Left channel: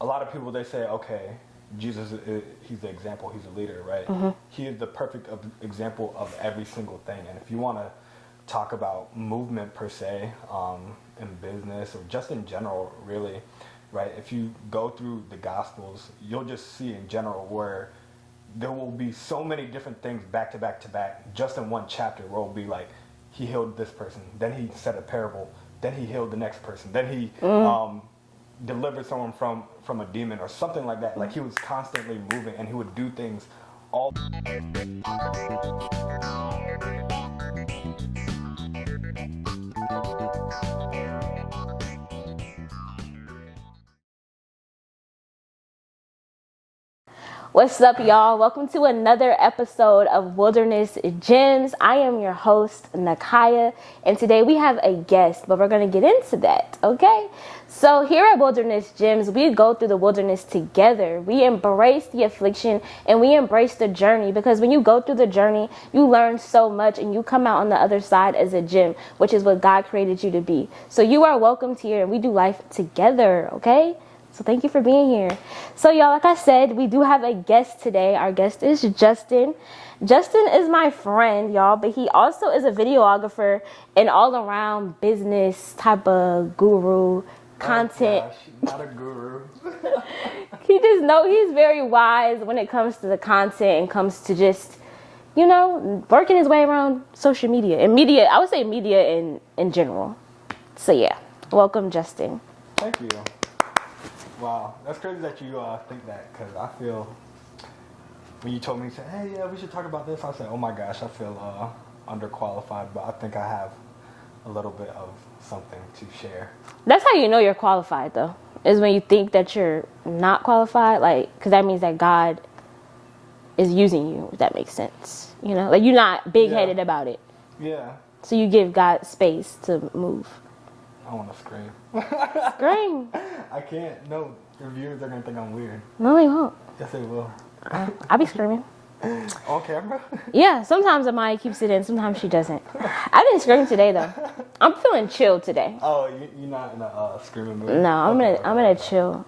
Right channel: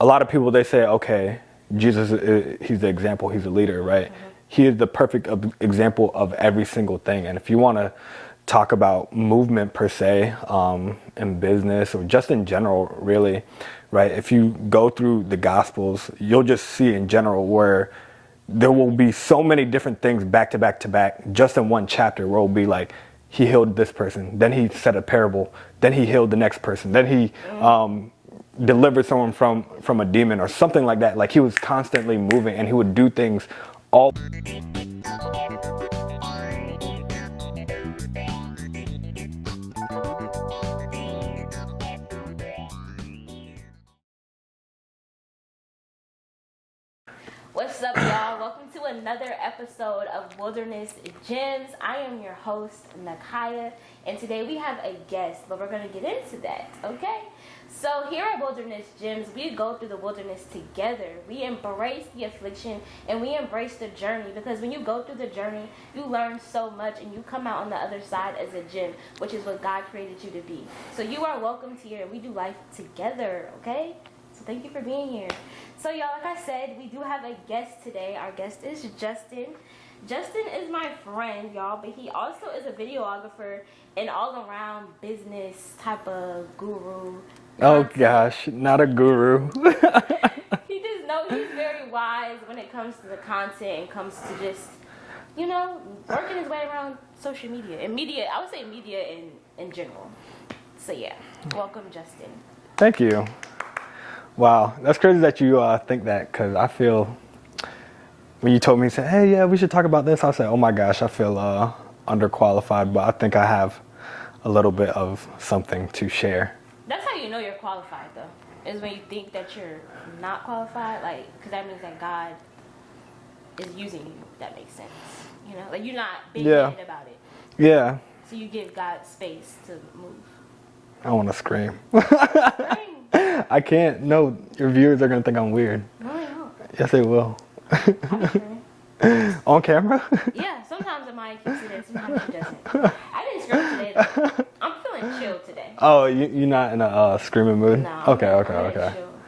a lot of people, they say, okay, Jesus, he's the example, he's the leader, right? Mm-hmm. He is the perfect example of every single thing. And if you want to talk about movement per se, in business or just in general, really, right? If you go through the Gospels, you'll just see in general where there will be so many different things back to back to back, just in one chapter, where it will be like, he healed this person, then he said a parable, then he healed the next person, then he delivered someone from a demon or something like that. Like, he was constantly moving, and he would do things all. What's up, y'all? Welcome to another episode of Wilderness Gems. I am your host, Nakaya, and today we have a guest, but we're going to get into that, okay? So here at Wilderness Gems, we go through the wilderness together. We embrace the affliction and we embrace the journey, because when you go through the journey, you learn so much and you come out on the other side as a gem, which is what God created you to be. So you are welcomed here, and we do life together, okay? So thank you for being here. So y'all, like I said, we do have a guest today. Our guest is Justin. Justin is my friend, y'all, but he also is a videographer and all-around business type of guru. Content. Oh gosh, not a guru. He's very wise when it comes to the content and comes to just, working his way around social media. And media, I would say media in general. So yeah, welcome, Justin. Thank you. Wow, that's crazy that you think that, because I feel, when you told me, said, hey, yeah, we should talk about this, I said, oh my gosh, I feel underqualified, but I think I have a little bit of something to share. That's how you know you're qualified, though, is when you think that you're not qualified, because that means that God is using you, if that makes sense. Like, you're not big-headed about it. Yeah. So you give God space to move. I want to scream. Scream. I can't. No, your viewers are going to think I'm weird. No, they won't. Yes, they will. I'll be screaming. On camera? Yeah, sometimes Amaya keeps it in, sometimes she doesn't. I didn't scream today, though. I'm feeling chill today. Oh, you're not in a screaming mood? No, I'm in a chill,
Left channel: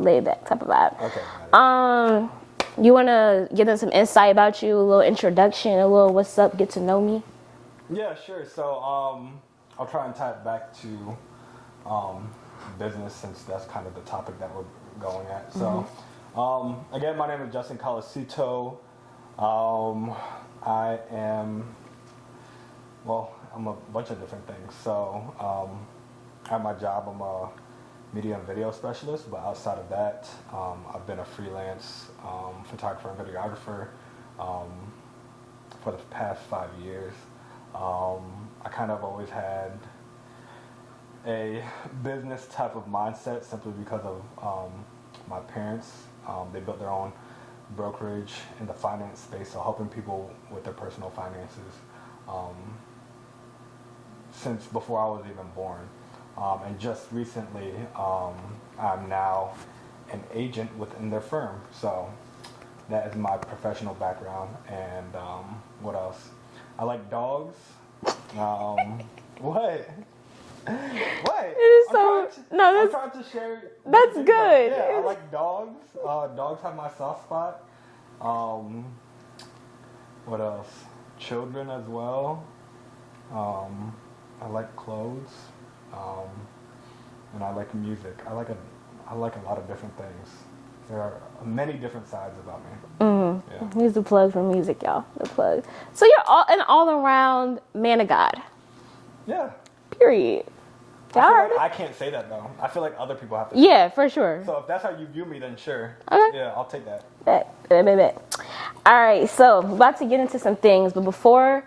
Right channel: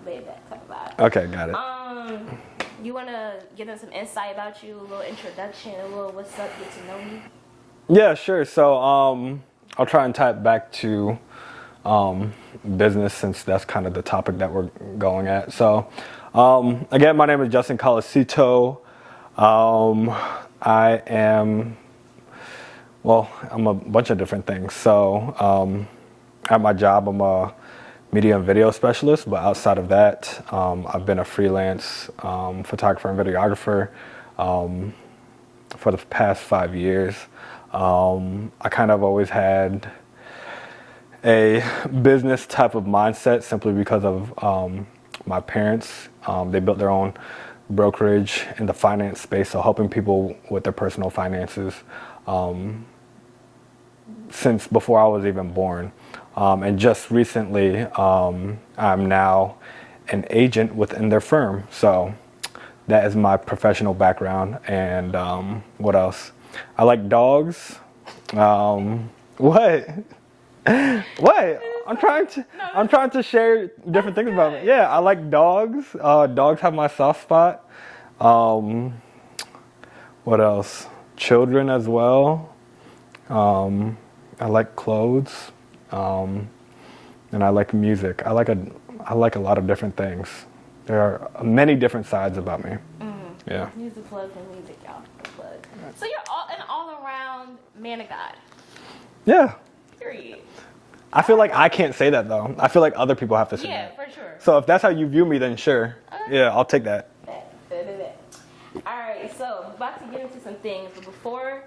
laid back type of vibe. Okay, got it. You want to give them some insight about you, a little introduction, a little what's up, get to know me? Yeah, sure. So, I'll try and tie it back to business, since that's kind of the topic that we're going at. So, again, my name is Justin Colasito. I'm a bunch of different things. So, at my job, I'm a media and video specialist, but outside of that, I've been a freelance photographer and videographer for the past 5 years. I kind of always had a business type of mindset, simply because of my parents. They built their own brokerage in the finance space, so helping people with their personal finances since before I was even born. And just recently, I'm now an agent within their firm. So that is my professional background. And what else? I like dogs. What? What? I'm trying to share different things about it. Yeah, I like dogs. Dogs have my soft spot. What else? Children as well. I like clothes. And I like music. I like a lot of different things. There are many different sides about me. Mm-hmm. Yeah. Here's the plug for music, y'all. The plug. So you're an all-around man of God. Yeah. Period. I feel like I can't say that, though. I feel like other people have to say that. Yeah, for sure. So if that's how you view me, then sure. Okay. Yeah, I'll take that. Bet. All right, so we're about to get into some things, but before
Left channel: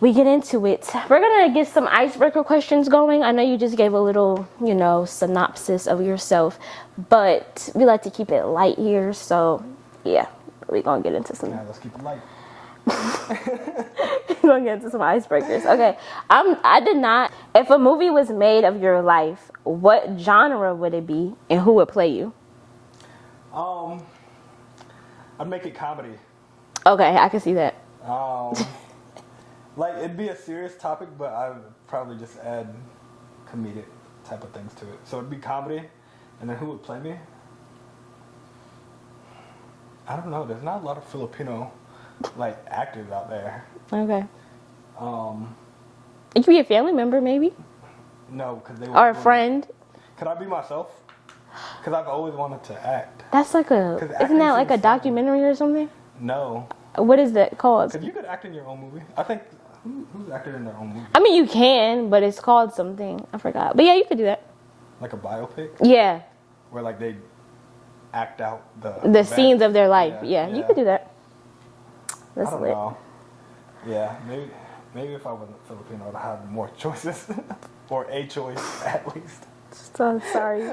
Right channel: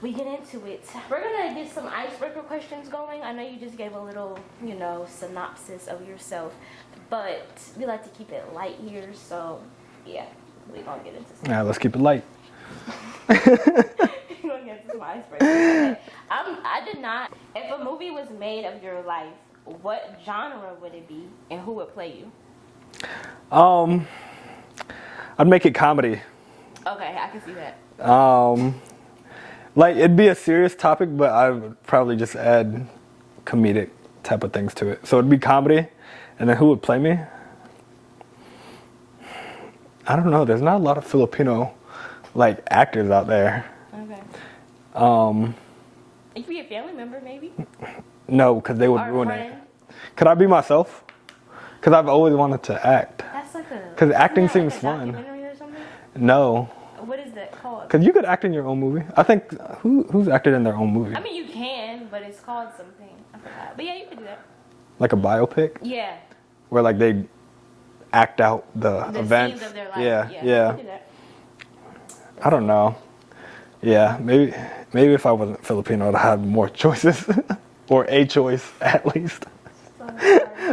we get into it, we're going to get some icebreaker questions going. I know you just gave a little, synopsis of yourself, but we like to keep it light here. So, yeah, we're going to get into some. Yeah, let's keep it light. We're going to get into some icebreakers. Okay, if a movie was made of your life, what genre would it be and who would play you? I'd make it comedy. Okay, I can see that. Like, it'd be a serious topic, but I would probably just add comedic type of things to it. So it'd be comedy, And then who would play me? I don't know. There's not a lot of Filipino like actors out there. Okay. It could be a family member, maybe. No, because they would. Or a friend. Could I be myself? Because I've always wanted to act. That's like a. Because acting isn't that like seems a documentary or something? No. What is that called? Because you could act in your own movie. I think who's acted in their own movie? I mean, you can, but it's called something. I forgot. But yeah, you could do that. Like a biopic. Yeah. Where like they act out the events. Scenes of their life. Yeah. You could do that. I don't know. Yeah, maybe if I wasn't Filipino, I'd have more choices, or a choice at least. So sorry.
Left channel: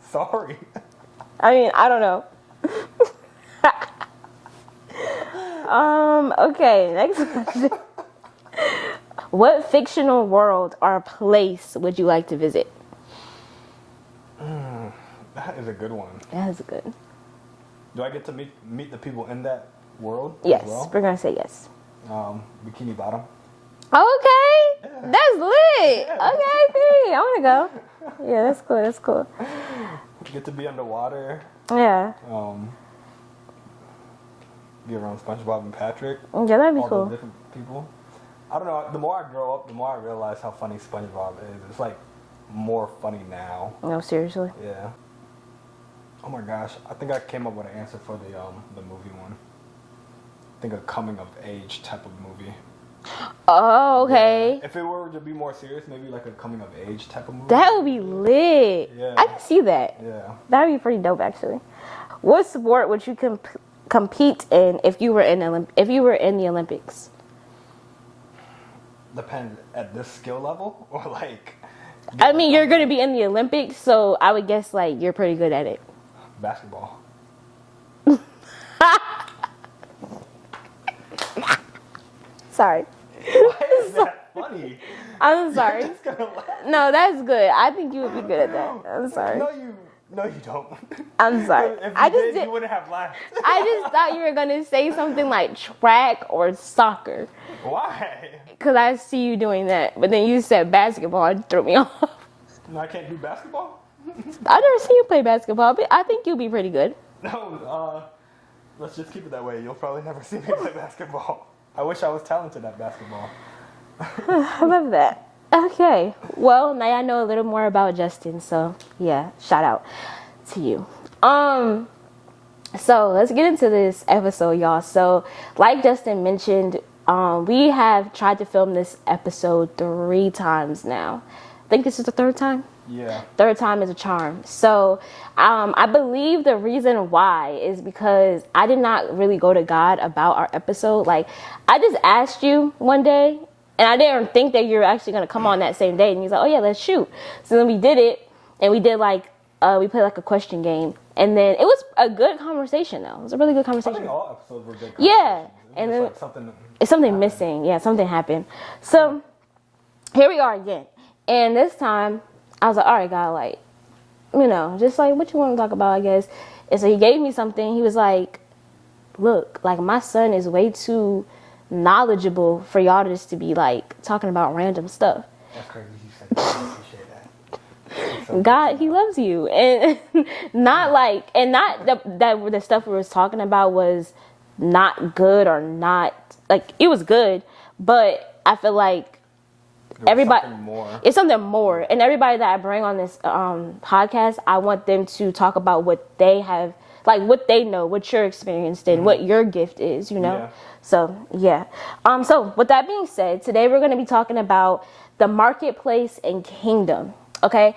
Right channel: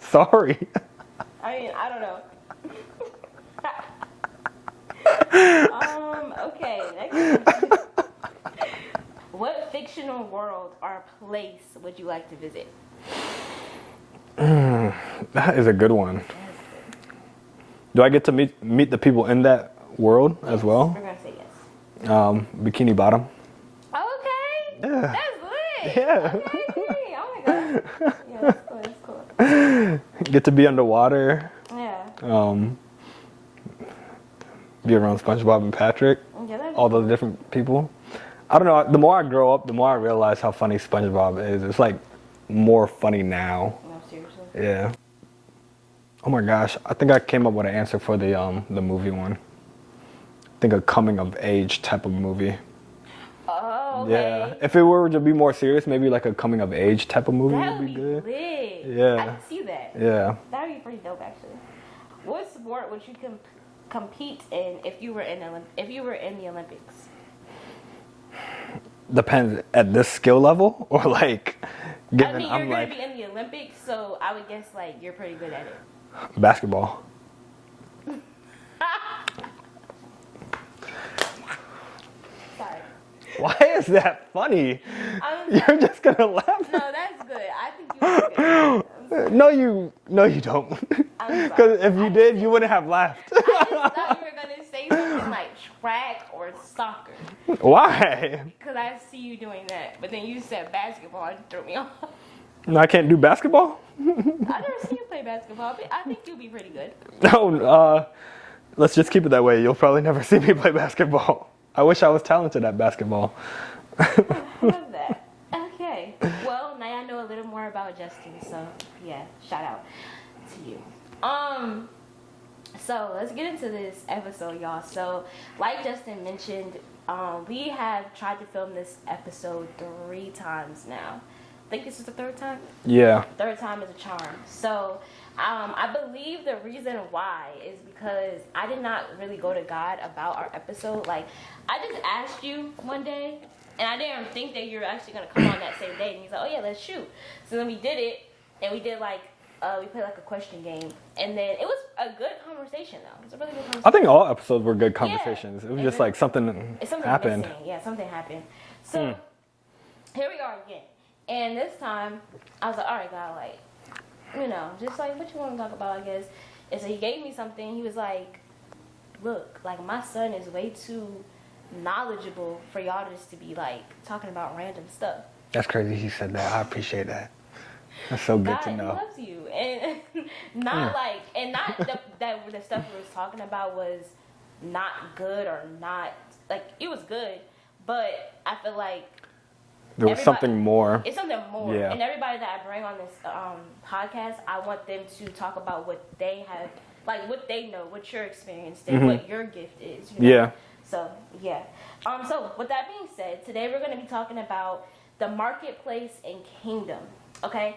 Sorry. I mean, I don't know. Okay, next question. What fictional world or place would you like to visit? That is a good one. That is good. Do I get to meet the people in that world Yes, as well? we're gonna say yes. Bikini Bottom. Okay, Yeah. that's lit. Yeah. Okay, period. I want to go. Yeah, that's cool. That's cool. Get to be underwater. Yeah. Be around SpongeBob and Patrick. Yeah, that'd be all cool. those different people. I don't know. The more I grow up, the more I realize how funny SpongeBob is. It's like more funny now. No, seriously. Yeah. Oh my gosh, I think I came up with an answer for the movie one. I think a coming of age type of movie. Oh, okay. Yeah. If it were to be more serious, maybe like a coming of age type of movie. That would be lit. Yeah. I can see that. Yeah. That'd be pretty dope, actually. What sport would you compete in if you were in the Olympics? Depends at this skill level or like. I mean, you're going to be in the Olympics, so I would guess like you're pretty good at it. Basketball. Sorry. Why is that funny? I'm sorry. You're just gonna laugh. No, that's good. I think you would be good at that. I'm sorry. No, you don't. I'm sorry. Because if you did, you wouldn't have laughed. I just thought you were going to say something like track or soccer. Why? Because I see you doing that. But then you said basketball and threw me off. No, I can't do basketball? I've never seen you play basketball, but I think you'll be pretty good. No, let's just keep it that way. You'll probably never see me play basketball. I wish I was talented at basketball. I love that. Okay. Well, now I know a little more about Justin, so yeah, shout out to you. So let's get into this episode, y'all. So, like Justin mentioned, we have tried to film this episode 3 times now. I think this is the 3rd time. Yeah. 3rd time is a charm. So, I believe the reason why is because I did not really go to God about our episode. Like, I just asked you one day, and I didn't think that you were actually going to come on that same day. And he's like, oh yeah, let's shoot. So then we did it, and we did like, we played like a question game. And then it was a good conversation, though. It was a really good conversation. I think all episodes were good conversations. Yeah. It was just like something. It's something happened. missing. Yeah, something happened. So here we are again. And this time, I was like, all right, God, like, you know, just like what you want to talk about, I guess. And so he gave me something. He was like, look, like my son is way too knowledgeable for y'all just to be like talking about random stuff. That's crazy he said that. I appreciate that. That's so God, he loves you. And not like, and not that the stuff we was talking about was not good or not, like, it was good, but I feel like there was something more. It's something more. Yeah. And everybody that I bring on this podcast, I want them to talk about what they have, like what they know, what your experience did, what your gift is, you know? Yeah. So, yeah. So, with that being said, today we're going to be talking about the marketplace and kingdom, okay?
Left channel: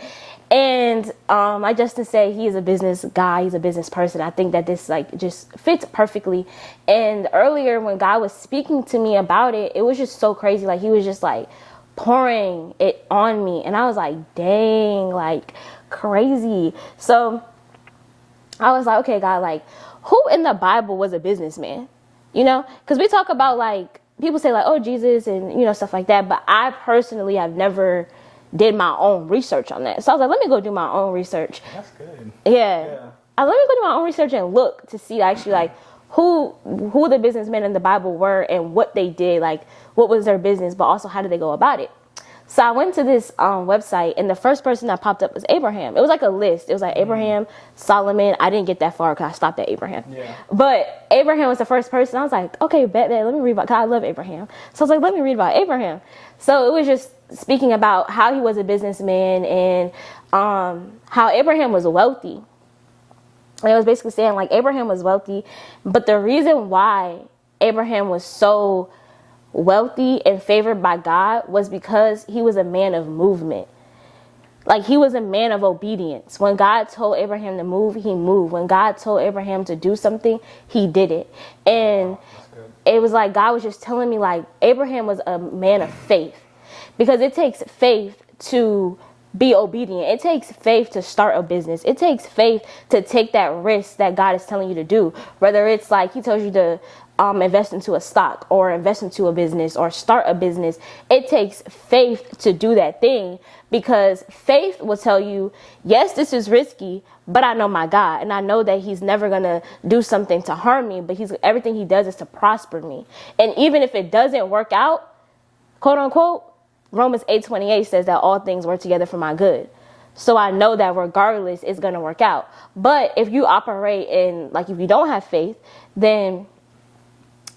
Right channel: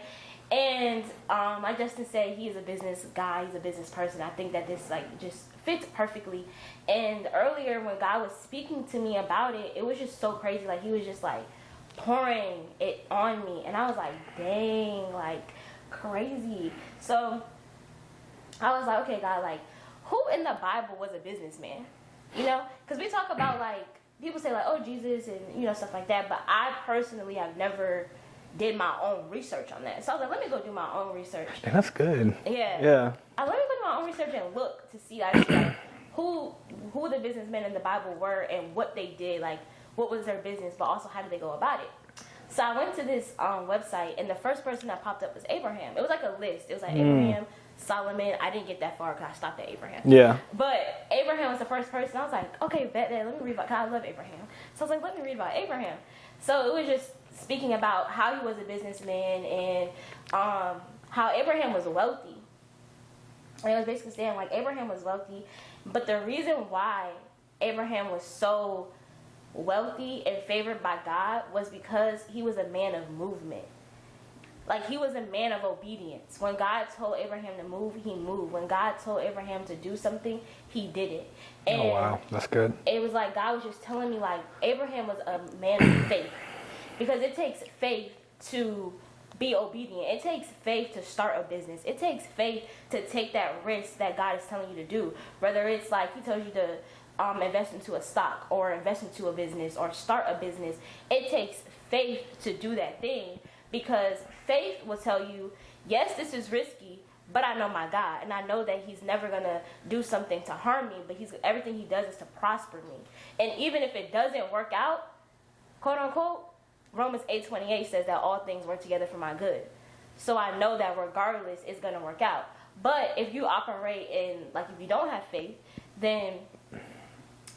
And like Justin said, he is a business guy. He's a business person. I think that this like just fits perfectly. And earlier when God was speaking to me about it, it was just so crazy. Like he was just like pouring it on me. And I was like, dang, like crazy. So I was like, okay, God, like who in the Bible was a businessman? You know, because we talk about like, people say like, oh, Jesus and, you know, stuff like that. But I personally have never did my own research on that. So I was like, let me go do my own research. That's good. Yeah. Yeah. Let me go do my own research and look to see actually like who the businessmen in the Bible were and what they did, like what was their business, but also how did they go about it. So I went to this website, and the first person that popped up was Abraham. It was like a list. It was like Abraham, Solomon. I didn't get that far because I stopped at Abraham. Yeah. But Abraham was the first person. I was like, okay, bet that. Let me read about, because I love Abraham. So I was like, let me read about Abraham. So it was just speaking about how he was a businessman and how Abraham was wealthy. And it was basically saying, like, Abraham was wealthy, but the reason why Abraham was so wealthy and favored by God was because he was a man of movement. Like, he was a man of obedience. When God told Abraham to move, he moved. When God told Abraham to do something, he did it. And wow, that's good. It was like God was just telling me, like, Abraham was a man of faith, because it takes faith to be obedient. It takes faith to start a business. It takes faith to take that risk that God is telling you to do. Whether it's like he tells you to invest into a stock or invest into a business or start a business. It takes faith to do that thing, because faith will tell you, yes, this is risky, but I know my God, and I know that he's never going to do something to harm me, but everything he does is to prosper me. And even if it doesn't work out, quote unquote, Romans 8:28 says that all things work together for my good. So I know that regardless, it's going to work out. But if you operate in, like, if you don't have faith, then,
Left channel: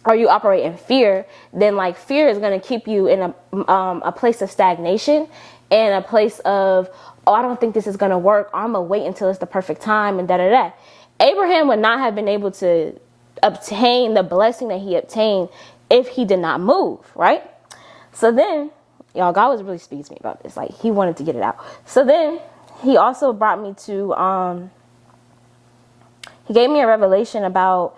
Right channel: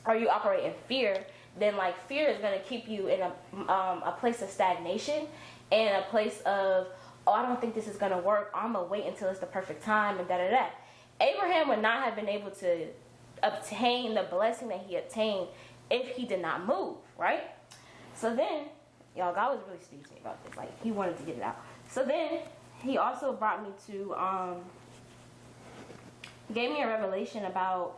or you operate in fear, then, like, fear is going to keep you in a place of stagnation and a place of, oh, I don't think this is going to work. I'm going to wait until it's the perfect time and da-da-da. Abraham would not have been able to obtain the blessing that he obtained if he did not move, right? So then, y'all, God was really speaking to me about this. Like, he wanted to get it out. So then he also brought me to, he gave me a revelation about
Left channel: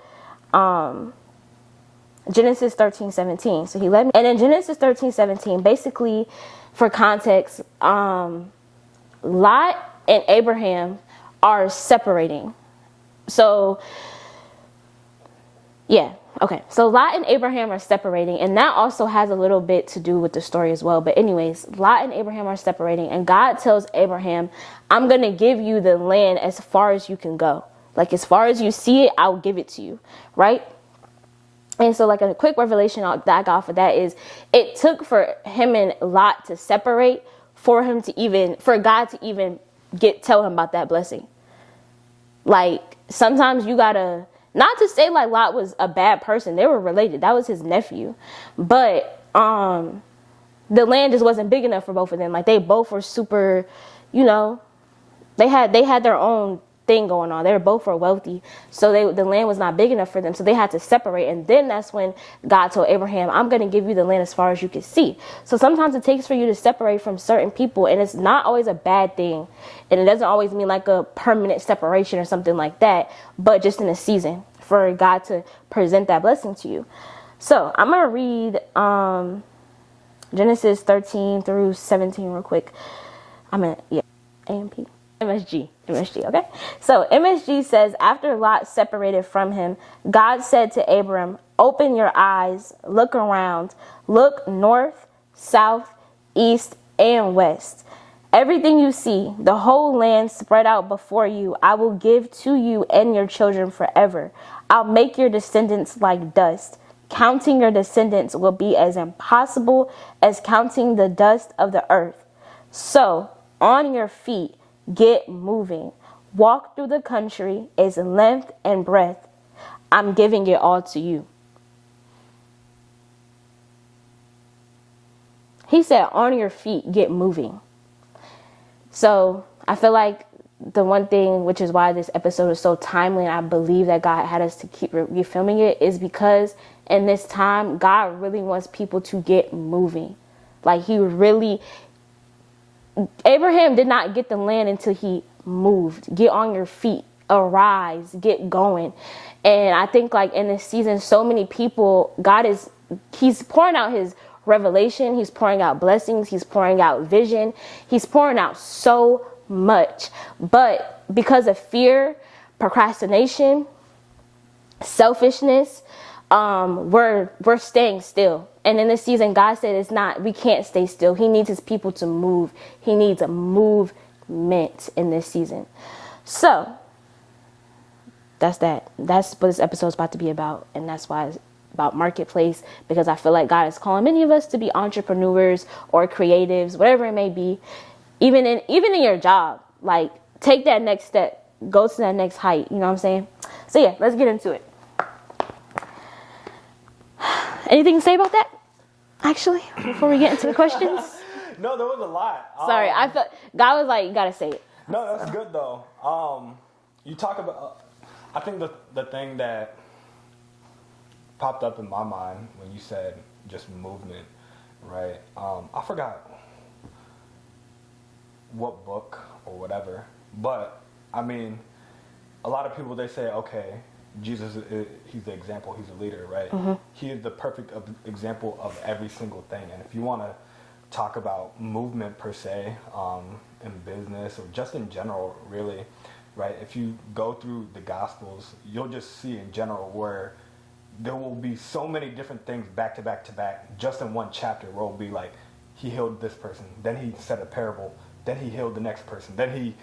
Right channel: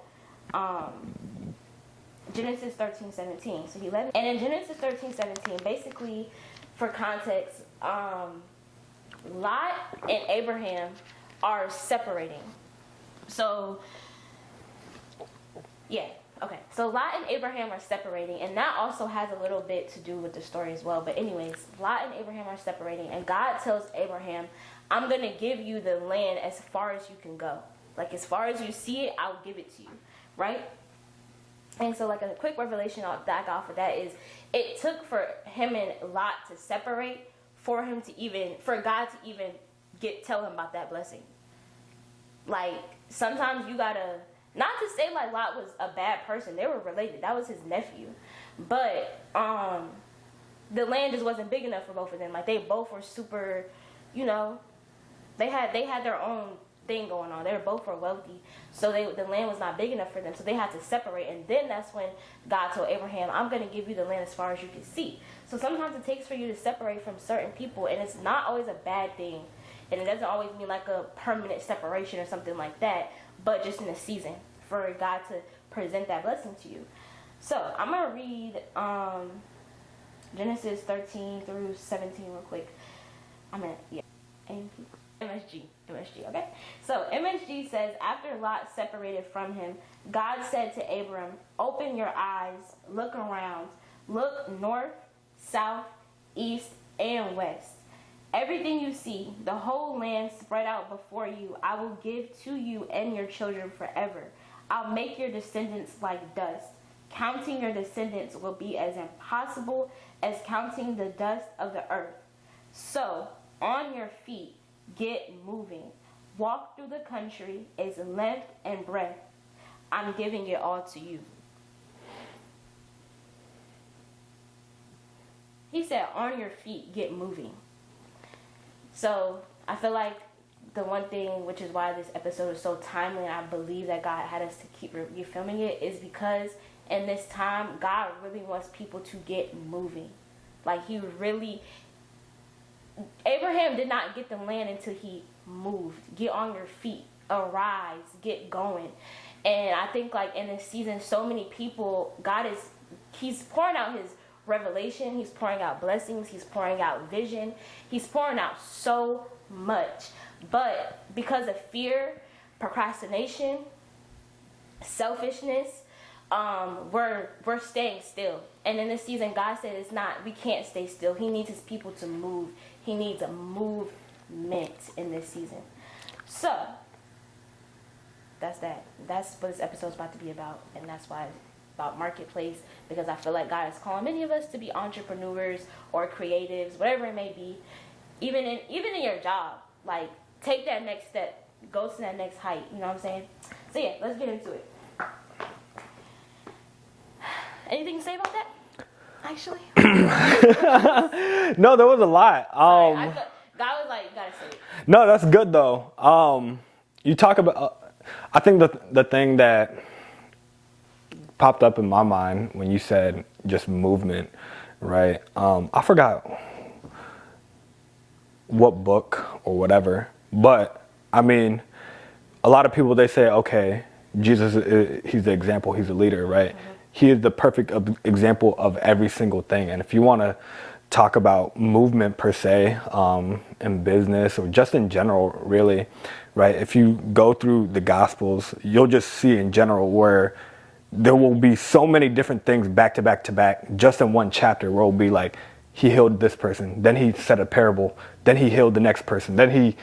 Genesis 13:17. So he led me. And in Genesis 13:17, basically, for context, Lot and Abraham are separating. So, yeah. Okay, so Lot and Abraham are separating, and that also has a little bit to do with the story as well. But anyways, Lot and Abraham are separating, and God tells Abraham, I'm going to give you the land as far as you can go. Like, as far as you see it, I'll give it to you, right? And so, like, a quick revelation that I got for that is, it took for him and Lot to separate for God to even tell him about that blessing. Like, sometimes you gotta, not to say like Lot was a bad person. They were related. That was his nephew. But the land just wasn't big enough for both of them. Like, they both were super, you know, they had their own thing going on. They both were wealthy. So the land was not big enough for them. So they had to separate. And then that's when God told Abraham, I'm going to give you the land as far as you can see. So sometimes it takes for you to separate from certain people. And it's not always a bad thing. And it doesn't always mean like a permanent separation or something like that. But just in a season for God to present that blessing to you. So I'm going to read Genesis 13 through 17 real quick. MSG, okay? So MSG says, after Lot separated from him, God said to Abram, open your eyes, look around, look north, south, east, and west. Everything you see, the whole land spread out before you, I will give to you and your children forever. I'll make your descendants like dust. Counting your descendants will be as impossible as counting the dust of the earth. So, on your feet, get moving. Walk through the country its length and breadth. I'm giving it all to you. He said, on your feet, get moving. So I feel like the one thing, which is why this episode is so timely, and I believe that God had us to keep refilming it, is because in this time, God really wants people to get moving. Like, Abraham did not get the land until he moved. Get on your feet, arise, get going. And I think, like, in this season, so many people, he's pouring out his revelation, he's pouring out blessings, he's pouring out vision, he's pouring out so much. But because of fear, procrastination, selfishness, we're staying still. And in this season, God said we can't stay still. He needs his people to move. He needs a movement in this season. So that's that. That's what this episode is about to be about. And that's why about marketplace, because I feel like God is calling many of us to be entrepreneurs or creatives, whatever it may be. Even in your job, like, take that next step, go to that next height. You know what I'm saying? So yeah, let's get into it. Anything to say about that? Actually, before we get into the questions. No, there was a lot. Sorry, I felt God was like, you gotta say it. No, that's good though. You talk about. I think the thing that popped up in my mind when you said just movement, right? I forgot what book or whatever, but I mean, a lot of people, they say, okay, Jesus, he's the example, he's the leader, right? He is the perfect example of every single thing. And if you want to talk about movement per se, in business or just in general, really, right? If you go through the Gospels, you'll just see in general where there will be so many different things back to back to back, just in one chapter, where it'll be like, he healed this person, then he said a parable, then he healed the next person, then he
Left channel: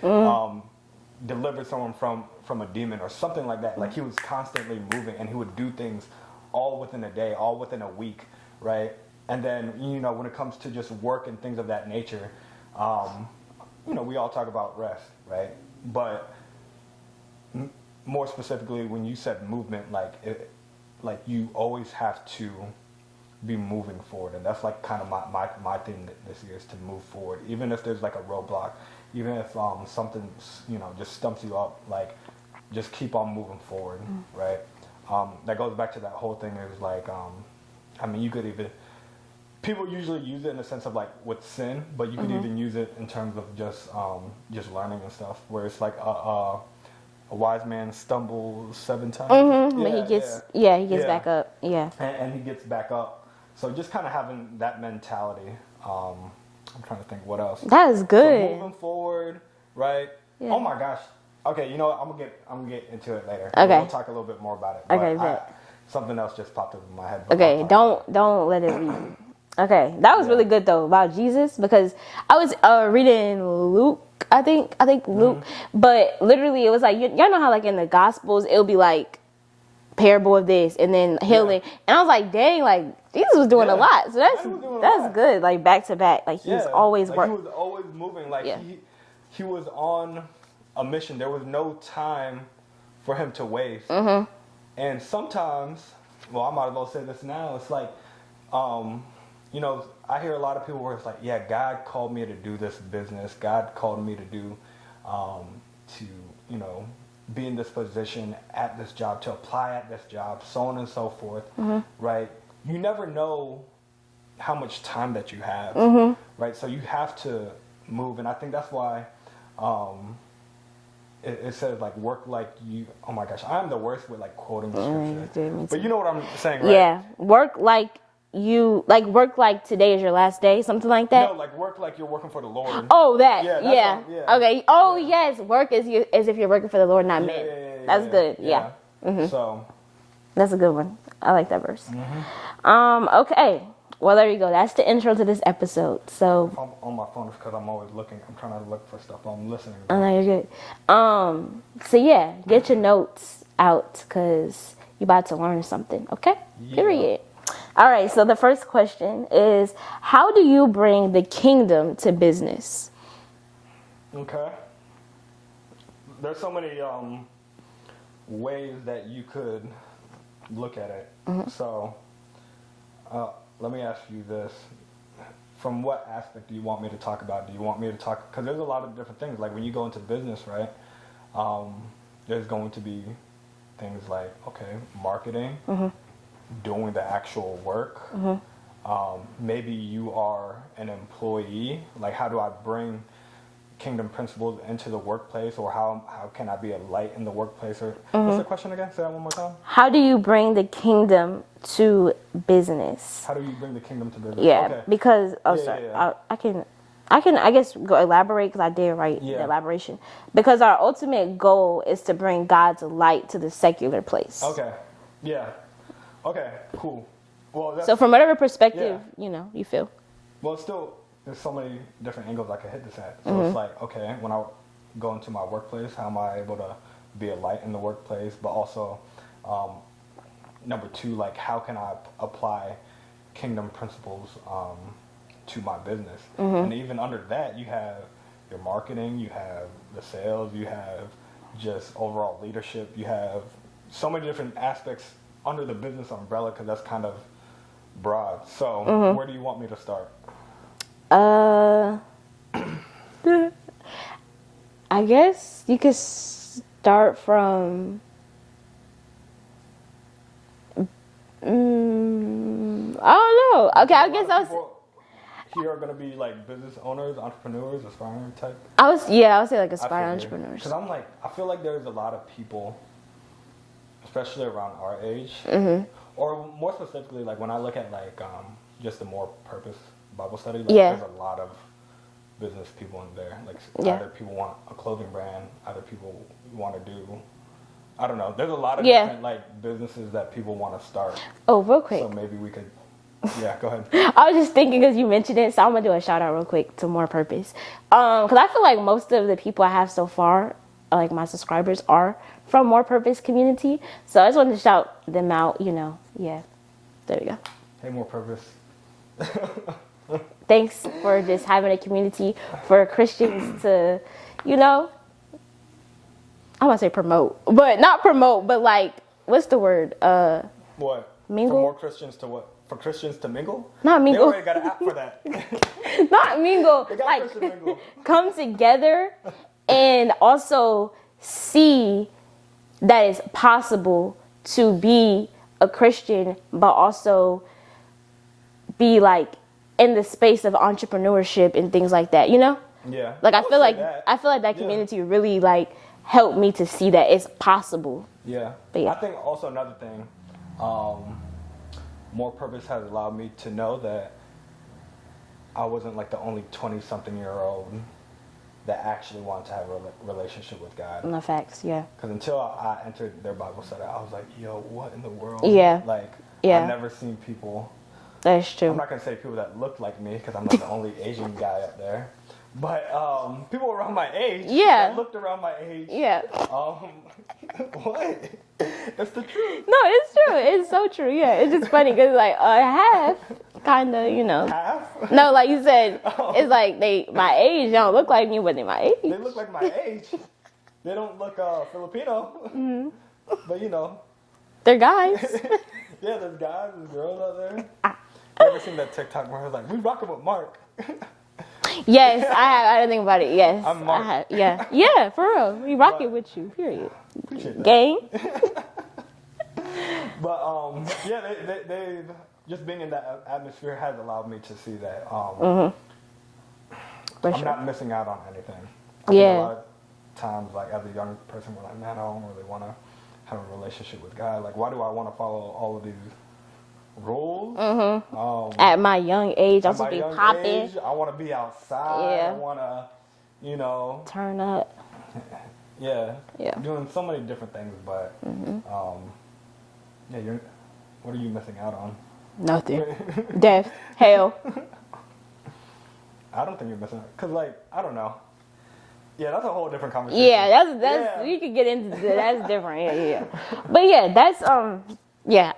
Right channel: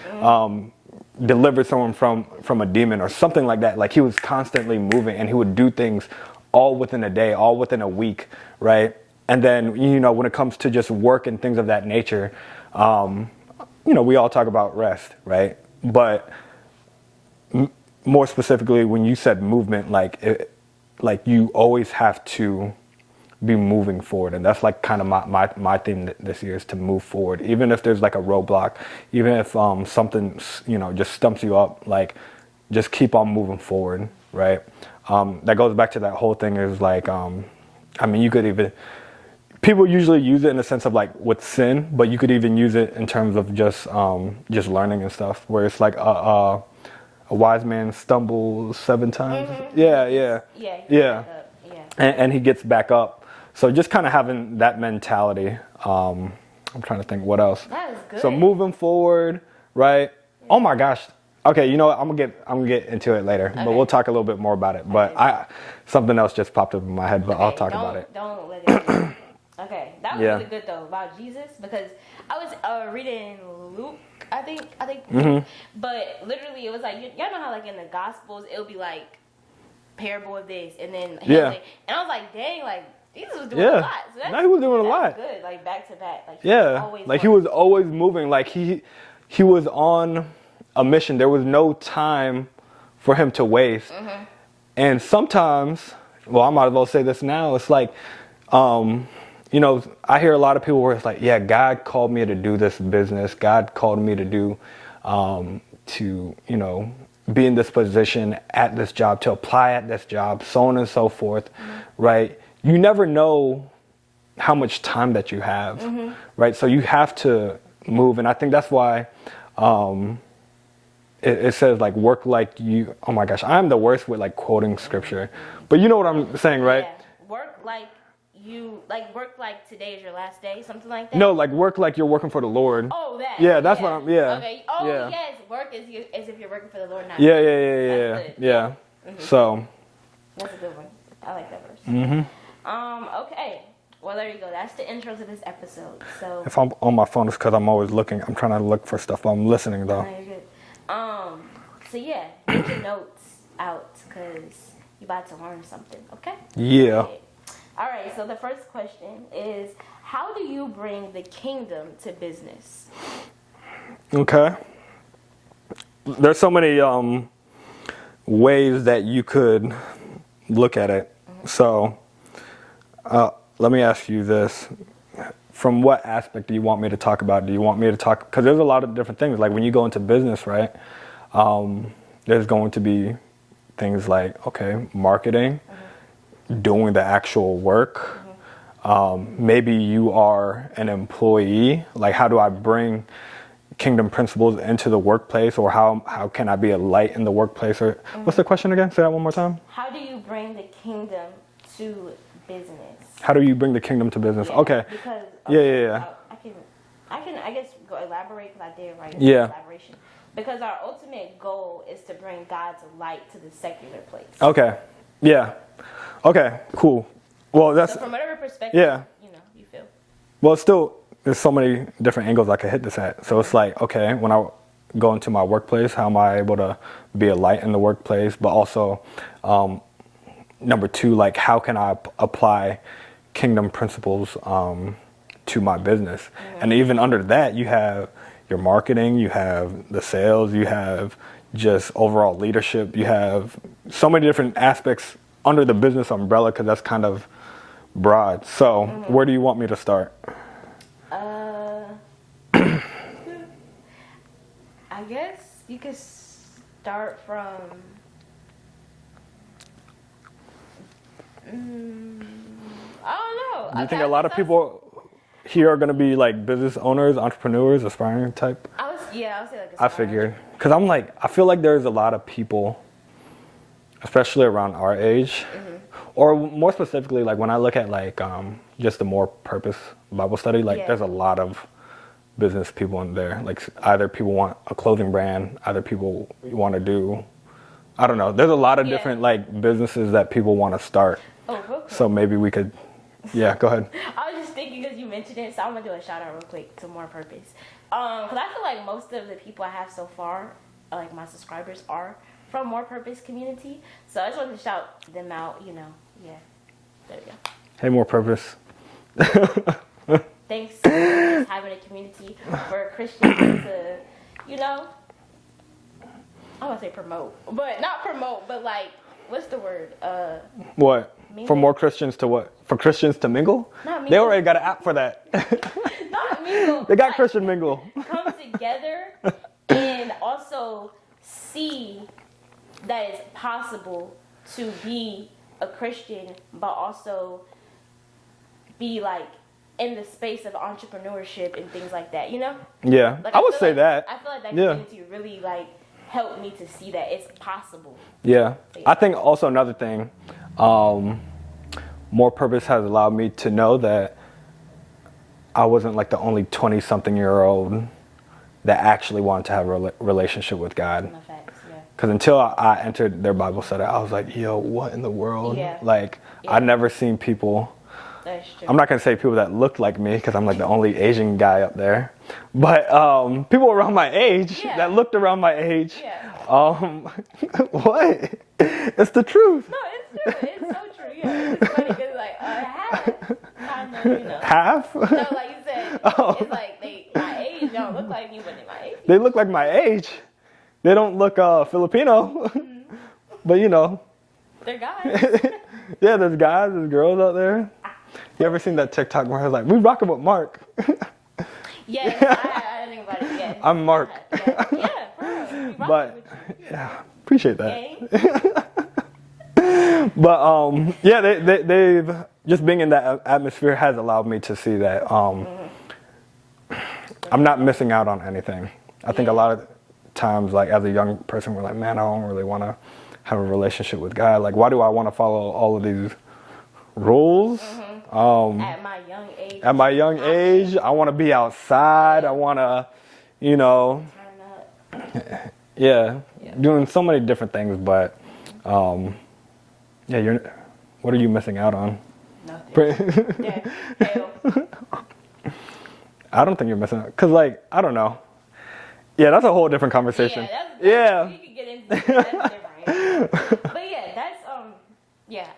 delivered someone from a demon or something like that. Like, he was constantly moving, and he would do things all within a day, all within a week, right? And then, you know, when it comes to just work and things of that nature, you know, we all talk about rest, right? But more specifically, when you said movement, like you always have to be moving forward. And that's like kind of my theme this year, is to move forward. Even if there's like a roadblock, even if something, you know, just stumps you up, like, just keep on moving forward, right? That goes back to that whole thing is like, I mean, you could even, people usually use it in the sense of like with sin, but you could even use it in terms of just learning and stuff, where it's like a wise man stumbles 7 times. He gets back up. Yeah. And he gets back up. So just kind of having that mentality. I'm trying to think what else. That is good. So moving forward, right? Yeah. Oh my gosh. Okay, you know what? I'm gonna get into it later. Okay. We'll talk a little bit more about it. But something else just popped up in my head. But I'll talk about it. Don't let it be. Okay, that was really good though, about Jesus, because I was reading Luke. I think Luke, but literally it was like, y'all know how like in the Gospels it'll be like parable of this and then healing, and I was like, dang, like Jesus was doing a lot. So that's good, like back to back, like he was always like he was always moving, like he was on a mission. There was no time for him to waste. And sometimes, well, I might as well say this now. It's like, you know, I hear a lot of people where it's like, yeah, God called me to do this business. God called me to do, to, you know, be in this position at this job, to apply at this job, so on and so forth, right? You never know how much time that you have, right? So you have to move. And I think that's why it says like, work like you, oh my gosh, I'm the worst with like quoting scripture. But you know what I'm saying, right? Yeah, work like today is your last day, something like that. No, like work like you're working for the Lord. Oh, that. Yeah, that's what I'm, Okay. Oh, yes, work as if you're working for the Lord, not me. Yeah. That's good. Yeah. So. That's a good one. I like that verse. Okay. Well, there you go. That's the intro to this episode. So. If I'm on my phone, it's because I'm always looking. I'm trying to look for stuff, but I'm listening though. Oh, you're good. So yeah, get your notes out because you're about to learn something. Okay. Yeah. Period. All right, so the first question is, how do you bring the kingdom to business? Okay. There's so many ways that you could look at it. So let me ask you this. From what aspect do you want me to talk about? Do you want me to talk? Because there's a lot of different things. Like when you go into business, right, there's going to be things like, okay, marketing, doing the actual work. Maybe you are an employee. Like, how do I bring kingdom principles into the workplace, or how can I be a light in the workplace? Or what's the question again? Say that one more time. How do you bring the kingdom to business? How do you bring the kingdom to business? Yeah, okay. Because I can I guess go elaborate, because I did write elaboration. Because our ultimate goal is to bring God's light to the secular place. Okay. Yeah. Okay, cool. Well, that's, so from whatever perspective, you know, you feel. Well, still, there's so many different angles I could hit this at. So it's like, okay, when I go into my workplace, how am I able to be a light in the workplace, but also number two, like how can I apply kingdom principles to my business? And even under that, you have your marketing, you have the sales, you have just overall leadership, you have so many different aspects under the business umbrella, because that's kind of broad. So where do you want me to start? I guess you could start from I don't know. Okay, A lot of people here are going to be like business owners, entrepreneurs, aspiring type. I would say like I aspiring figured, entrepreneurs. because I feel like there's a lot of people, especially around our age, or more specifically, like when I look at like just the More Purpose Bible study, like there's a lot of business people in there. Like either people want a clothing brand, either people want to do, I don't know. There's a lot of different like businesses that people want to start. Oh, real quick. So maybe we could, go ahead. I was just thinking because you mentioned it, so I'm gonna do a shout out real quick to More Purpose. Because I feel like most of the people I have so far, like my subscribers, are from More Purpose community. So I just wanted to shout them out. There we go. Hey, More Purpose. Thanks for just having a community for Christians to, I want to say promote, but not promote, but like, what's the word? What? Mingle? For more Christians to what? For Christians to mingle? Not mingle. They already got an app for that. Not mingle. They got like, Christian mingle. Come together and also see that it's possible to be a Christian, but also be like in the space of entrepreneurship and things like that, Yeah. Like I would feel say like that. I feel like that community really like helped me to see that it's possible. Yeah. Yeah. I think also another thing, More Purpose has allowed me to know that I wasn't like the only 20-something-year-old that actually wanted to have a relationship with God. No facts, yeah. Because until I entered their Bible study, I was like, yo, what in the world? Yeah. Like, Yeah. I've never seen people. That's true. I'm not going to say people that looked like me, because I'm like the only Asian guy up there. But people around my age that looked around my age. Yeah. What? It's the truth. No, it's true. It's so true. Yeah, it's just funny because like half, kind of, Half? No, like you said, it's like my age don't look like me, but they my age. They look like my age. They don't look Filipino. But They're guys. Yeah, there's guys, there's girls out there. You ever seen that TikTok where I was like, we rocking with Mark? Yes, I didn't think about it. Yes, I'm Mark. Yeah, for real. We rocking with you. Yeah, appreciate that. Gang. But they've just being in that atmosphere has allowed me to see that I'm not missing out on anything. I think a lot of times, like as a young person, we're like, man, I don't really want to have a relationship with God. Like, why do I want to follow all of these rules? At my young age, I want to be outside. Yeah. I want to, turn up. Yeah, doing so many different things. But what are you missing out on? Nothing. Death, hell. I don't think you're missing out, because like, I don't know. Yeah, that's a whole different conversation. Yeah, that's you could get into that. That's different. Yeah. But yeah, that's I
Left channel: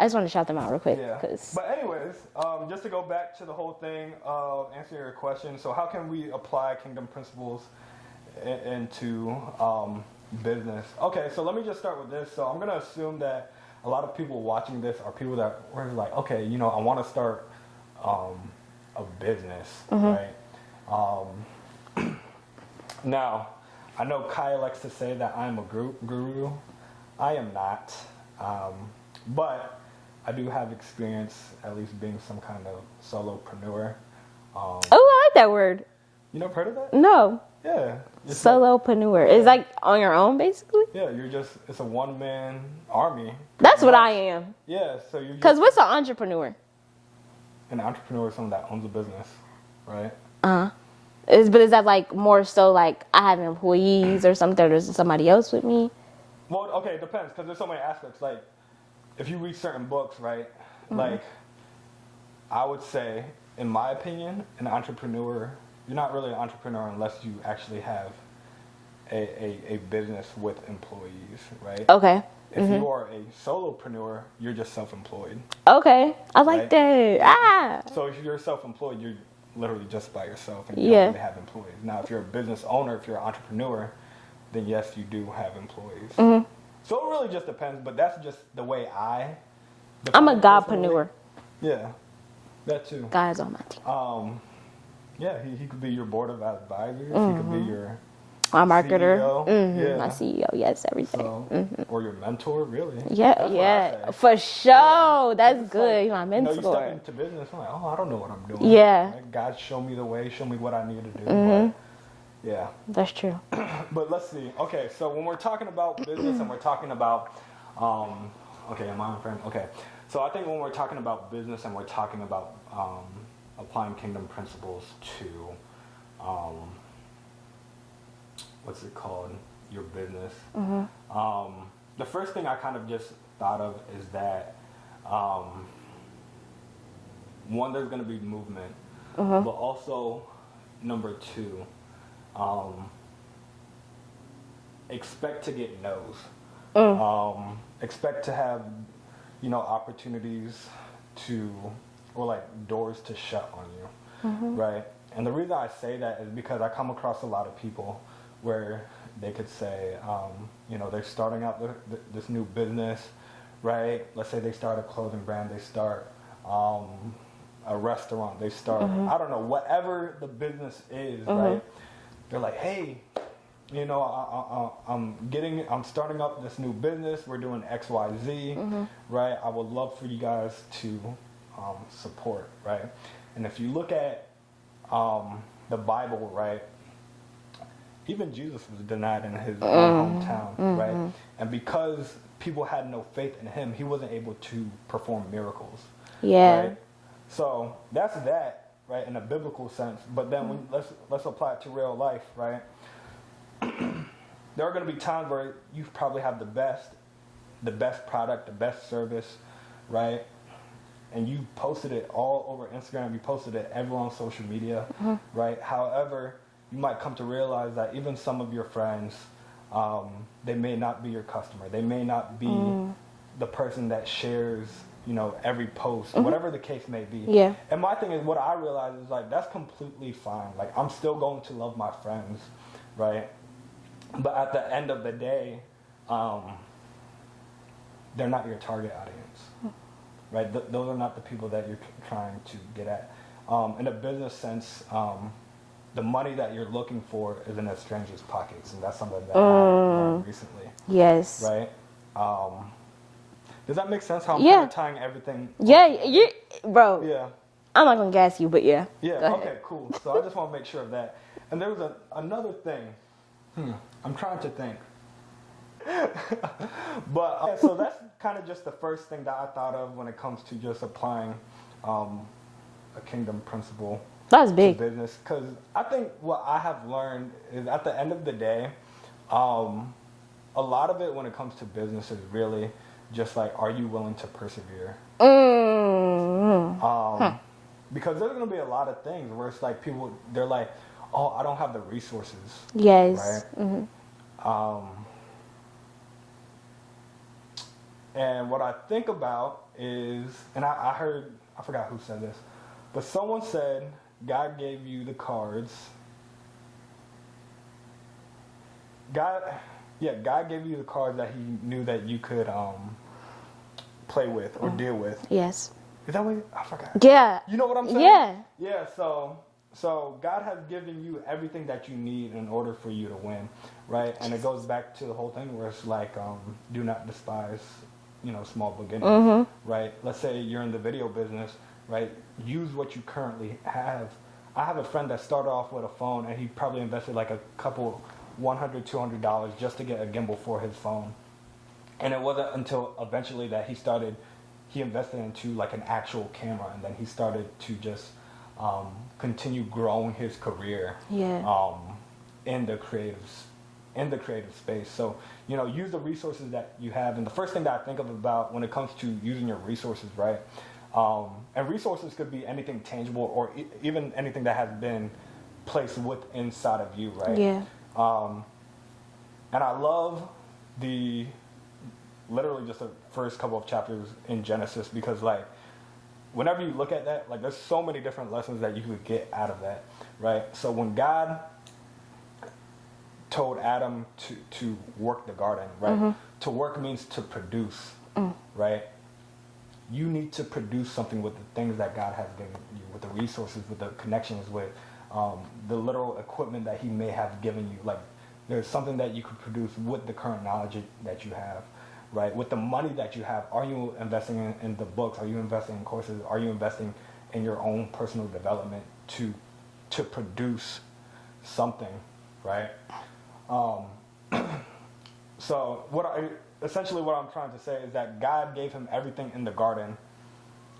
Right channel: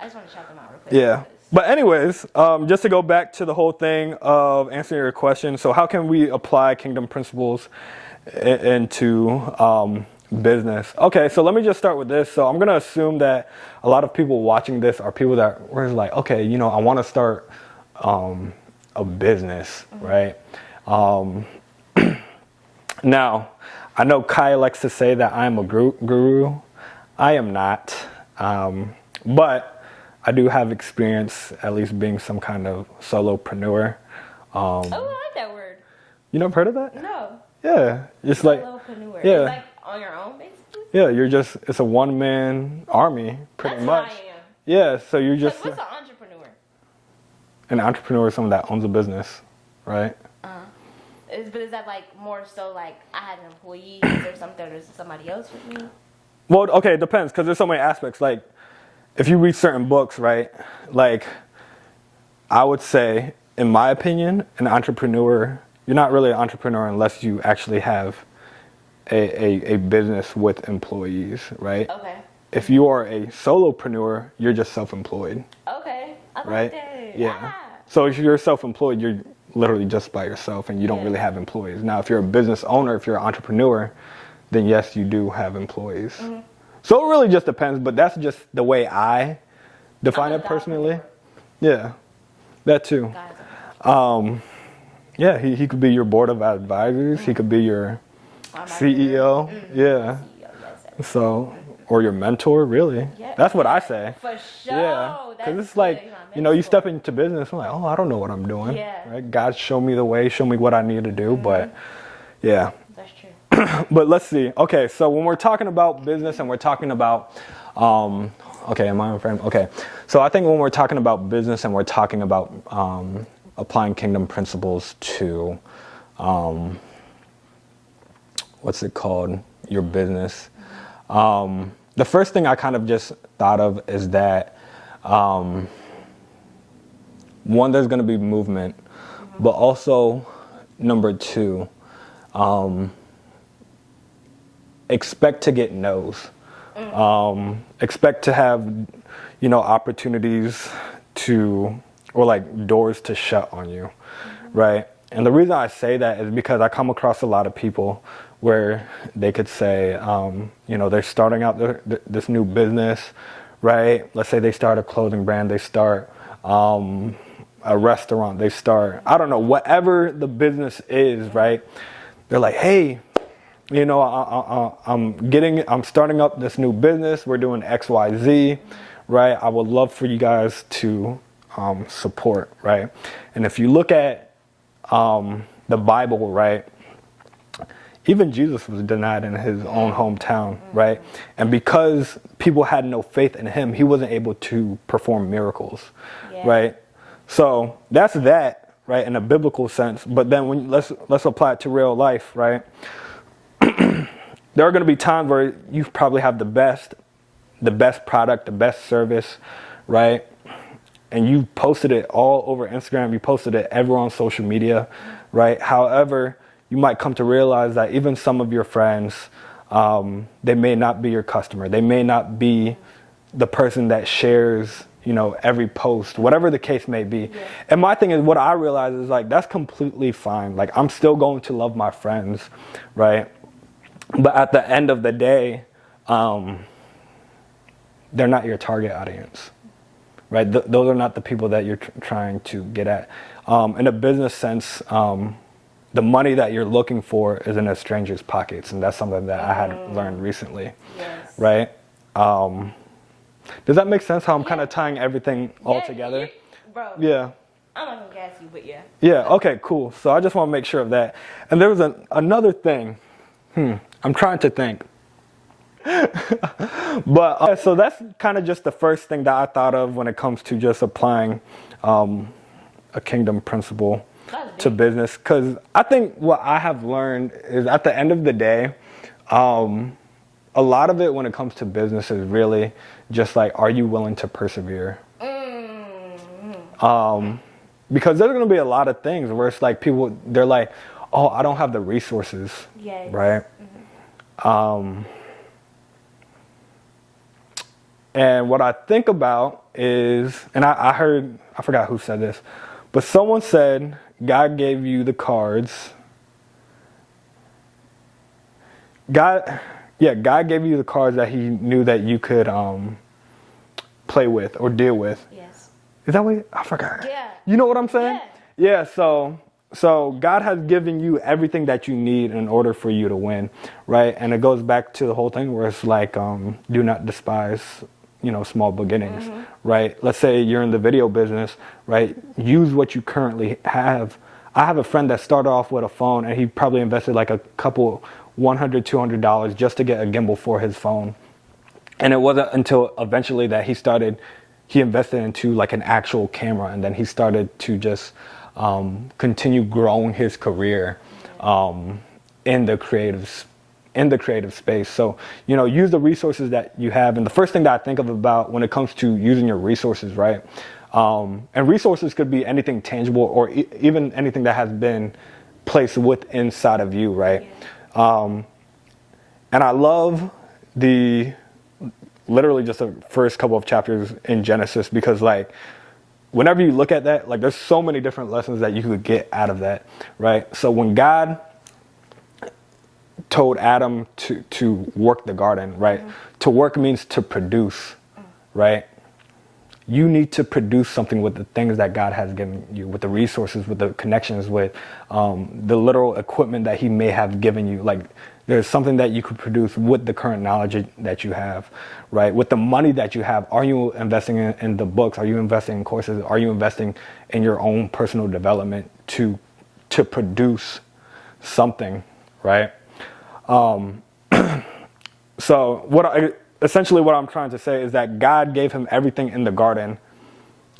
just want to shout them out real quick. Yeah. But anyways, just to go back to the whole thing of answering your question. So how can we apply kingdom principles into business? Okay, so let me just start with this. So I'm going to assume that a lot of people watching this are people that were like, okay, I want to start a business, right? Now, I know Kai likes to say that I'm a guru. I am not. But I do have experience, at least being some kind of solopreneur. I like that word. You never heard of that? No. Yeah. It's Solopreneur. Yeah. It's like on your own, basically? Yeah, it's a one-man army. That's what much. I am. Yeah, so you're just... Because what's an entrepreneur? An entrepreneur is someone that owns a business, right? But is that like more so like I have employees or something, or is it somebody else with me? Well, okay, it depends, because there's so many aspects. Like, if you read certain books, right, like, I would say, in my opinion, an entrepreneur, you're not really an entrepreneur unless you actually have a business with employees, right? Okay. If you are a solopreneur, you're just self-employed. Okay, I like Right? that. Yeah. So if you're self-employed, you're literally just by yourself and you don't really have employees. Now, if you're a business owner, if you're an entrepreneur, then yes, you do have employees. So it really just depends, but that's just the way I define I'm a it personally. godpreneur. Yeah, that too. God is on my team. Yeah, he could be your board of advisors. He could be your My marketer. CEO. Yeah. My CEO, yes, everything. So, or your mentor, really. Yeah, That's what I say. For sure. Yeah. 'Cause That's it's good. like, You're my mentor. you know, you step into business, I'm like, oh, I don't know what I'm doing. Yeah. Right? God, show me the way, show me what I need to do. But, yeah. That's true. But let's see. Okay, so when we're talking about business and we're talking about, okay, am I in frame? Okay. So I think when we're talking about business and we're talking about applying kingdom principles to, what's it called? Your business. The first thing I kind of just thought of is that, one, there's going to be movement, but also, number two, expect to get no's. Expect to have, you know, opportunities to, or like doors to shut on you, right? And the reason I say that is because I come across a lot of people where they could say, you know, they're starting out this new business, right? Let's say they start a clothing brand, they start a restaurant, they start, I don't know, whatever the business is, right? They're like, hey, you know, I'm starting up this new business. We're doing X, Y, Z, right? I would love for you guys to support, right? And if you look at the Bible, right? Even Jesus was denied in his own hometown, right? And because people had no faith in him, he wasn't able to perform miracles, right? So that's that, right, in a biblical sense. But then when let's apply it to real life, right? There are going to be times where you probably have the best product, the best service, right? And you posted it all over Instagram. You posted it everywhere on social media, right? However, you might come to realize that even some of your friends, they may not be your customer. They may not be the person that shares, you know, every post, whatever the case may be. Yeah. And my thing is, what I realize is like, that's completely fine. Like, I'm still going to love my friends, right? But at the end of the day, they're not your target audience, right? Those are not the people that you're trying to get at. In a business sense, the money that you're looking for is in a stranger's pockets, and that's something that I had learned recently. Yes. Right? Does that make sense? How I'm kind of tying everything all together? Bro. Yeah. I'm not gonna gas you, but yeah. Yeah. Okay. Cool. So I just want to make sure of that. And there was another thing. I'm trying to think. But so that's kind of just the first thing that I thought of when it comes to just applying a kingdom principle to business. Because I think what I have learned is at the end of the day, a lot of it when it comes to business is really just like, are you willing to persevere? Because there's going to be a lot of things where it's like people, they're like, oh, I don't have the resources. Yes. Right? And what I think about is, and I heard, I forgot who said this, but someone said, God gave you the cards. God gave you the cards that he knew that you could play with or deal with. Yes. Is that what I forgot? Yeah. You know what I'm saying? Yeah. Yeah, so God has given you everything that you need in order for you to win, right? And it goes back to the whole thing where it's like, do not despise, you know, small beginnings, right? Let's say you're in the video business, right? Use what you currently have. I have a friend that started off with a phone and he probably invested like a couple $100, $200 just to get a gimbal for his phone. And it wasn't until eventually that he invested into like an actual camera, and then he started to just continue growing his career in the creative space. So, you know, use the resources that you have. And the first thing that I think of about when it comes to using your resources, right? And resources could be anything tangible or even anything that has been placed inside of you, right? Yeah. And I love literally just the first couple of chapters in Genesis, because like whenever you look at that, like there's so many different lessons that you could get out of that, right? So when God told Adam to work the garden, right? To work means to produce, right? You need to produce something with the things that God has given you, with the resources, with the connections, with the literal equipment that he may have given you. Like there's something that you could produce with the current knowledge that you have, right? With the money that you have. Are you investing in the books? Are you investing in courses? Are you investing in your own personal development to produce something, right? So essentially what I'm trying to say is that God gave him everything in the garden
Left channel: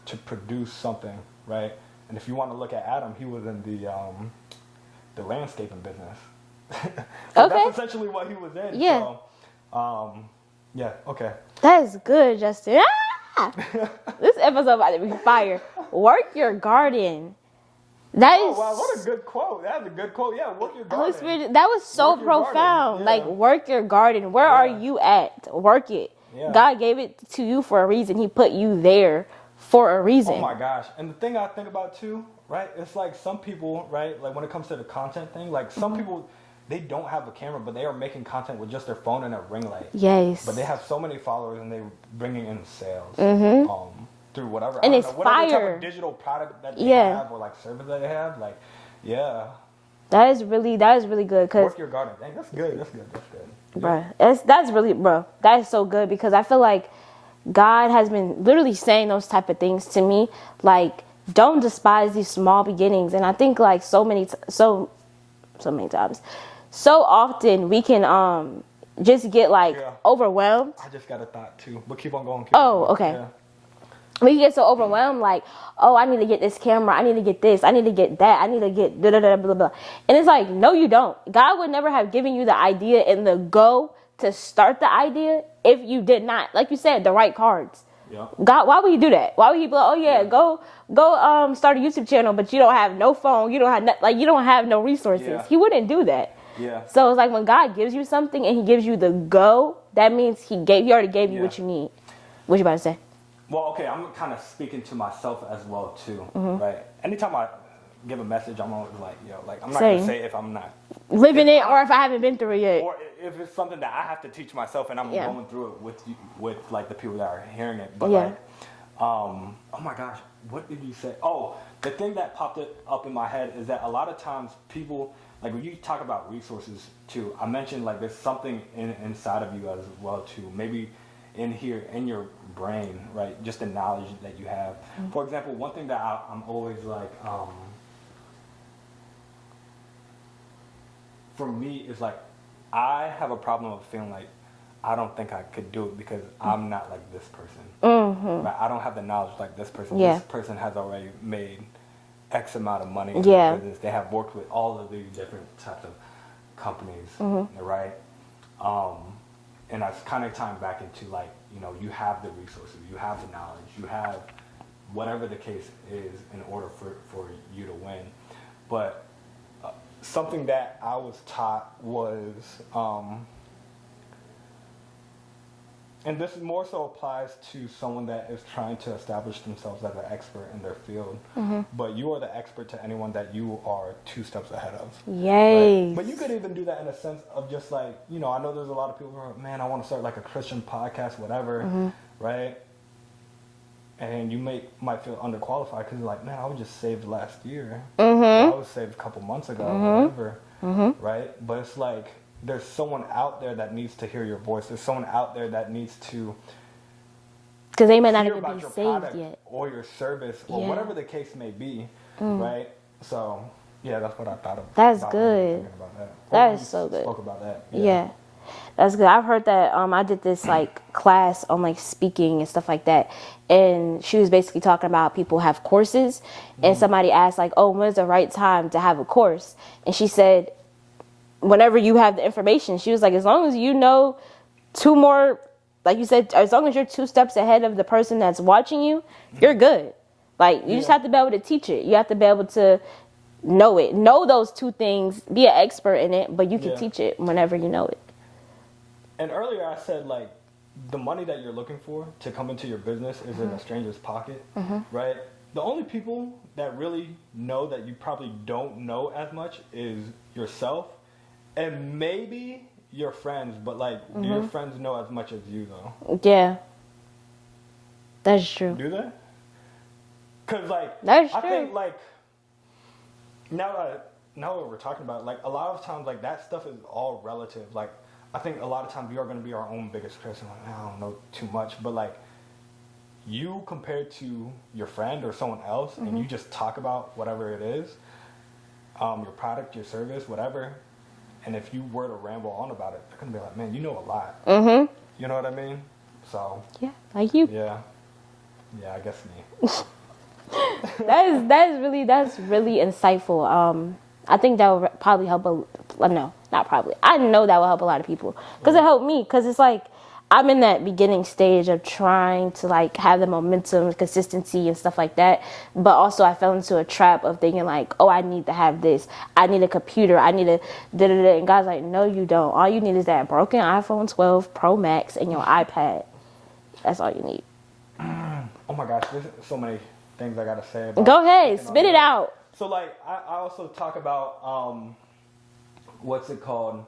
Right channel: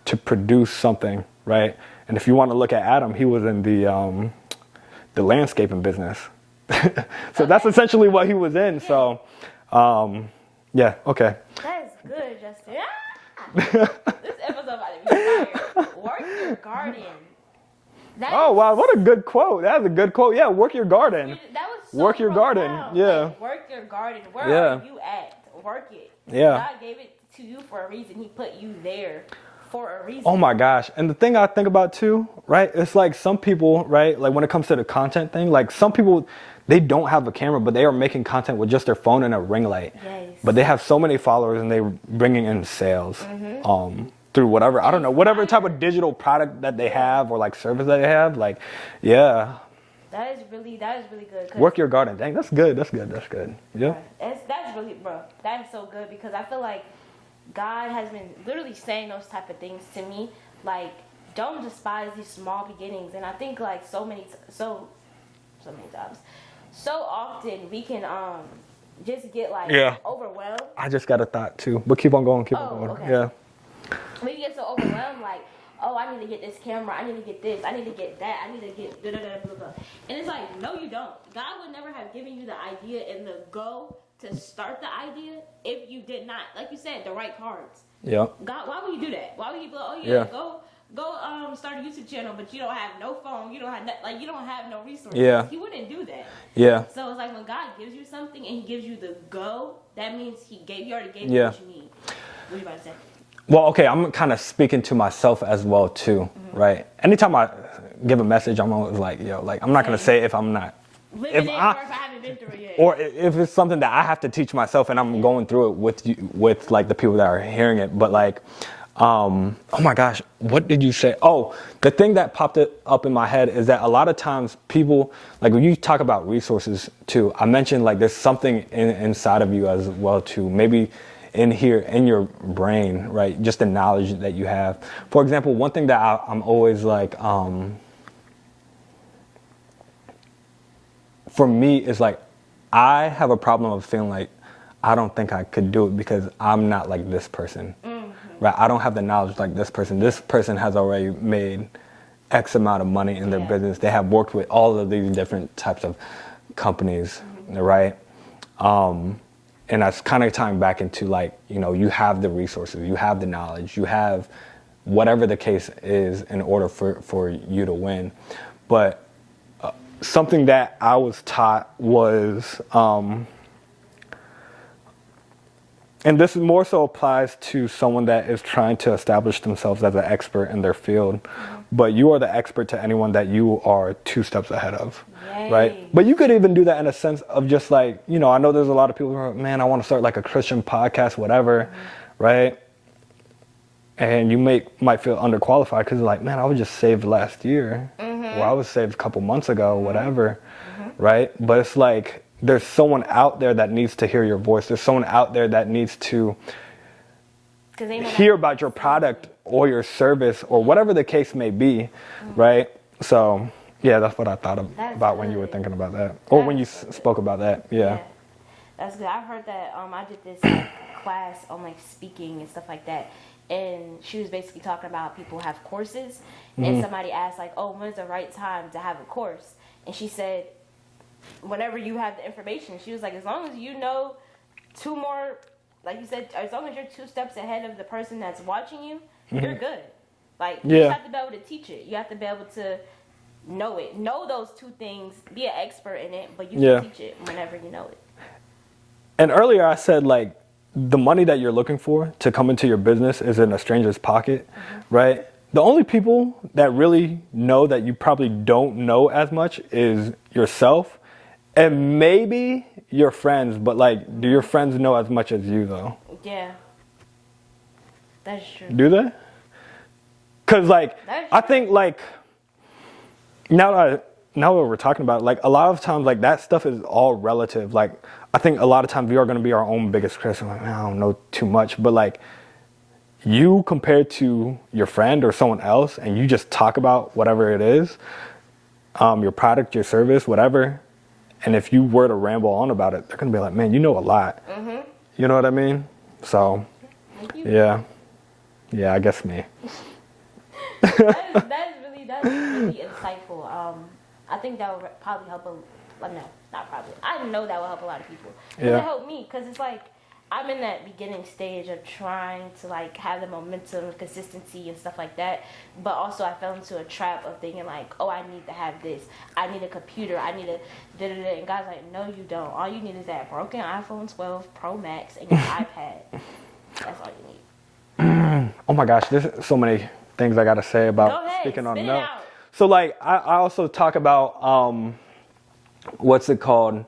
to produce something, right? And if you want to look at Adam, he was in the landscaping business. So that's essentially what he was in. Yeah. So, yeah, okay. That is good, Justin. This episode about to be fire. Work your garden. Oh, wow, what a good quote. That was a good quote. Yeah, work your garden. That was so work your profound. garden. Yeah. Like, work your garden. Where are you at? Work it. Yeah. God gave it to you for a reason. He put you there for a reason. Oh, my gosh. And the thing I think about, too, right, it's like some people, right, like when it comes to the content thing, like some people, they don't have a camera, but they are making content with just their phone and a ring light. Yes. But they have so many followers and they're bringing in sales. Through whatever, I don't know, whatever type of digital product that they have or like service that they have, like, yeah. That is really good. Work your garden. Dang, that's good. Yeah. That is so good, because I feel like God has been literally saying those type of things to me. Like, don't despise these small beginnings. And I think like so many times, so often we can just get like overwhelmed. I just got a thought too, but keep on going. Okay. Yeah. We get so overwhelmed, like, oh, I need to get this camera, I need to get this, I need to get that, I need to get blah, blah, blah, blah. And it's like, no, you don't. God would never have given you the idea and the go to start the idea if you did not, like you said, the right cards. Yeah. God, why would he do that? Why would he be like, oh yeah, go start a YouTube channel, but you don't have no phone, you don't have no resources. Yeah. He wouldn't do that. Yeah. So it's like when God gives you something and he gives you the go, that means he already gave you what you need. What you about to say? Well, okay, I'm kind of speaking to myself as well too, right? Anytime I give a message, I'm always like, yo, like I'm not gonna say if I'm not living it or if I haven't been through it yet, or if it's something that I have to teach myself and I'm going through it with like the people that are hearing it. But like, oh my gosh, what did you say? Oh, the thing that popped up in my head is that a lot of times people, like when you talk about resources too, I mentioned like there's something inside of you as well too, maybe in here, in your brain, right? Just the knowledge that you have. For example, one thing that I'm always like, for me is like, I have a problem of feeling like I don't think I could do it because I'm not like this person, right? I don't have the knowledge like this person. This person has already made X amount of money in their business. They have worked with all of these different types of companies, right? And that's kind of tying back into like, you know, you have the resources, you have the knowledge, you have whatever the case is in order for you to win. But something that I was taught was, and this more so applies to someone that is trying to establish themselves as an expert in their field, but you are the expert to anyone that you are 2 steps ahead of. Yes. Right? But you could even do that in a sense of just like, you know, I know there's a lot of people who are, man, I want to start like a Christian podcast, whatever, right? And you might feel underqualified because like, man, I was just saved last year. Or I was saved a couple months ago, whatever, right? But it's like, there's someone out there that needs to hear your voice. There's someone out there that needs to hear about your product or your service or whatever the case may be, right? So, yeah, that's what I thought about when you were thinking about that. Or when you spoke about that. Yeah. That's good. I've heard that. I did this like class on like speaking and stuff like that. And she was basically talking about people have courses. And somebody asked like, oh, when's the right time to have a course? And she said, whenever you have the information. She was like, as long as you know 2 more, like you said, as long as you're 2 steps ahead of the person that's watching you, you're good. Like, you just have to be able to teach it. You have to be able to know it. Know those 2 things. Be an expert in it, but you can teach it whenever you know it. And earlier I said, like, the money that you're looking for to come into your business is in a stranger's pocket, right? The only people that really know that you probably don't know as much is yourself and maybe your friends, but like, do your friends know as much as you though? Yeah. That's true. Do they? Cause like, I think like, now that we're talking about it, like a lot of times like that stuff is all relative. Like I think a lot of times we are going to be our own biggest critics. Like, I don't know too much, but like you compared to your friend or someone else and you just talk about whatever it is, your product, your service, whatever. And if you were to ramble on about it, they're going to be like, man, you know a lot. Mm-hmm. You know what I mean? So. Yeah, like you. Yeah. Yeah, I guess me. that's really insightful. I think that would probably help no, not probably. I know that will help a lot of people because it helped me. Because it's like I'm in that beginning stage of trying to like have the momentum, consistency, and stuff like that. But also, I fell into a trap of thinking like, oh, I need to have this. I need a computer. I need a da-da-da. And God's like, no, you don't. All you need is that broken iPhone 12 Pro Max and your iPad. That's all you need. Oh my gosh, there's so many things I gotta say about. Go ahead, spit it out. So like, I also talk about what's it called?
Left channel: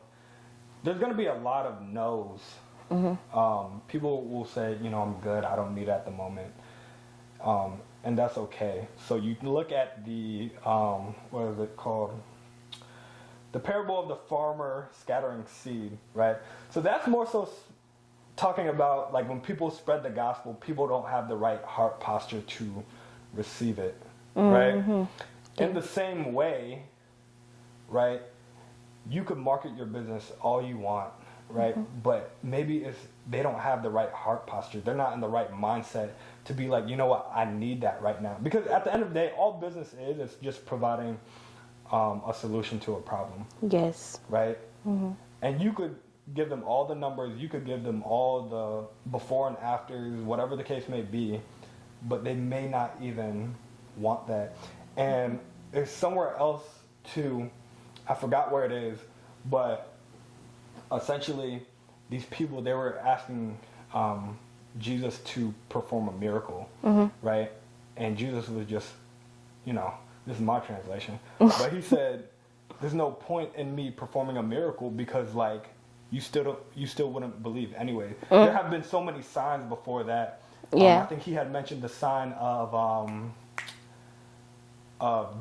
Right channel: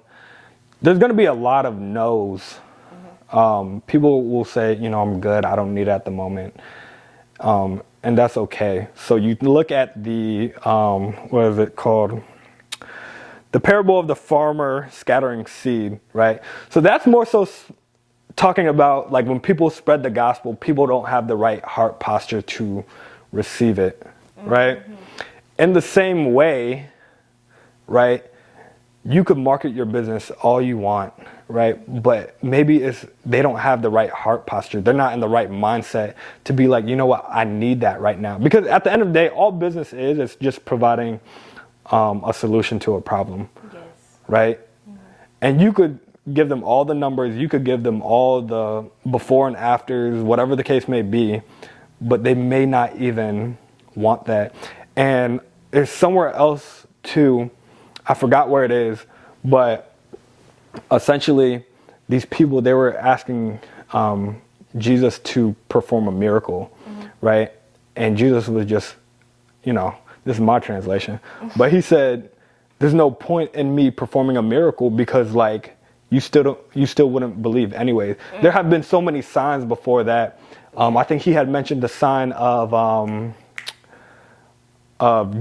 There's gonna be a lot of no's. People will say, you know, I'm good, I don't need it at the moment, and that's okay. So you look at the what is it called? The parable of the farmer scattering seed, right? So that's more so talking about like when people spread the gospel, people don't have the right heart posture to receive it, right? In the same way, right, you could market your business all you want, right? But maybe they don't have the right heart posture. They're not in the right mindset to be like, you know what, I need that right now. Because at the end of the day, all business is just providing a solution to a problem. Yes. Right? And you could give them all the numbers, you could give them all the before and afters, whatever the case may be, but they may not even want that. And there's somewhere else too, I forgot where it is, but essentially these people, they were asking Jesus to perform a miracle, right? And Jesus was just, you know, this is my translation, but he said, there's no point in me performing a miracle because like, you still wouldn't believe anyways. There have been so many signs before that. I think he had mentioned the sign of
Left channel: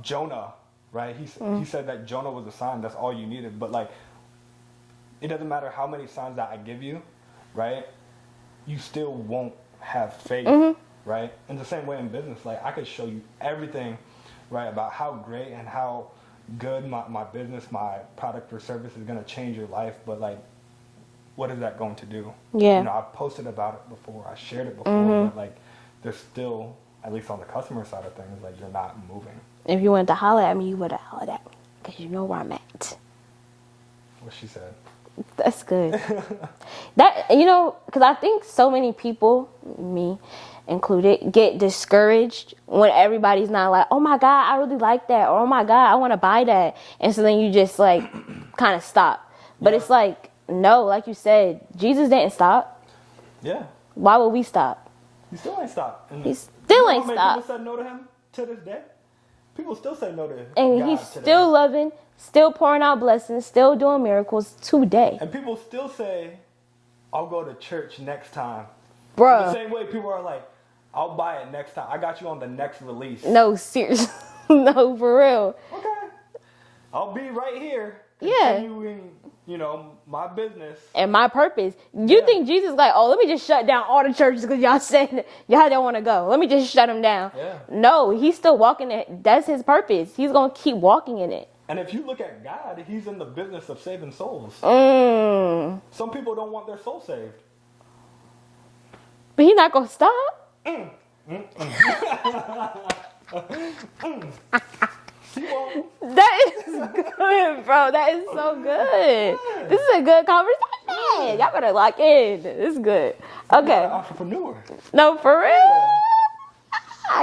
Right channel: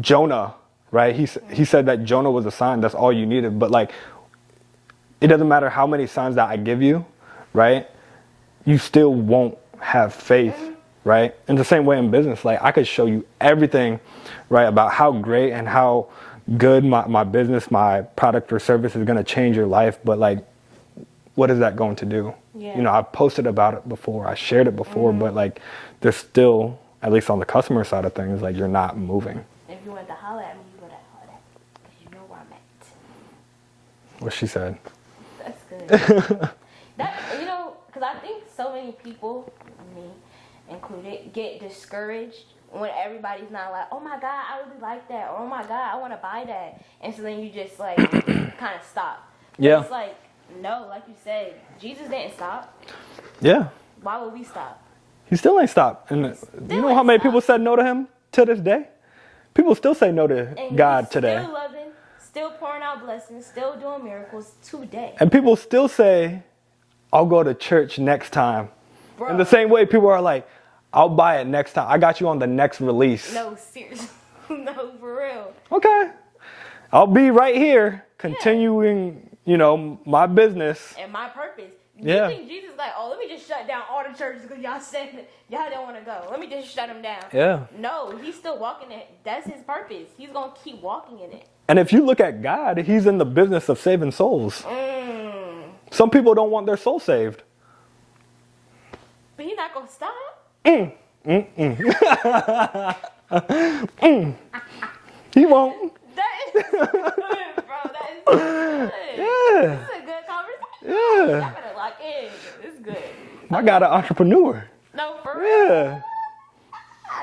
Jonah, right? He said that Jonah was a sign. That's all you needed. But like, it doesn't matter how many signs that I give you, right? You still won't have faith, right? In the same way in business, like I could show you everything, right, about how great and how good my business, my product or service is going to change your life. But like, what is that going to do? Yeah. You know, I've posted about it before. I shared it before, but like, there's still, at least on the customer side of things, like you're not moving. If you wanted to holler at me, you would have hollered at me because you know where I'm at. What she said. That's good. That, you know, because I think so many people, me included, get discouraged when everybody's not like, oh my God, I really like that. Or, oh my God, I want to buy that. And so then you just like kind of stop. But it's like, no, like you said, Jesus didn't stop. Yeah. Why would we stop? He still ain't stopped. And you know how many people said no to him to this day? People still say no to God today. Still loving, still pouring out blessings, still doing miracles today. And people still say, I'll go to church next time. Bruh. In the same way, people are like, I'll buy it next time. I got you on the next release. No, seriously. No, for real. Okay. I'll be right here continuing, you know, my business. And my purpose. Do you think Jesus is like, oh, let me just shut down all the churches because y'all said y'all don't want to go. Let me just shut them down. Yeah. No, he's still walking it. That's his purpose. He's going to keep walking in it. And if you look at God, he's in the business of saving souls. Some people don't want their soul saved. But he's not going to stop. He won't. That is good, bro. That is so good. Yeah. This is a good conversation. Yeah. Y'all better lock in. This is good. Okay. I got an entrepreneur. No, for real. Yeah.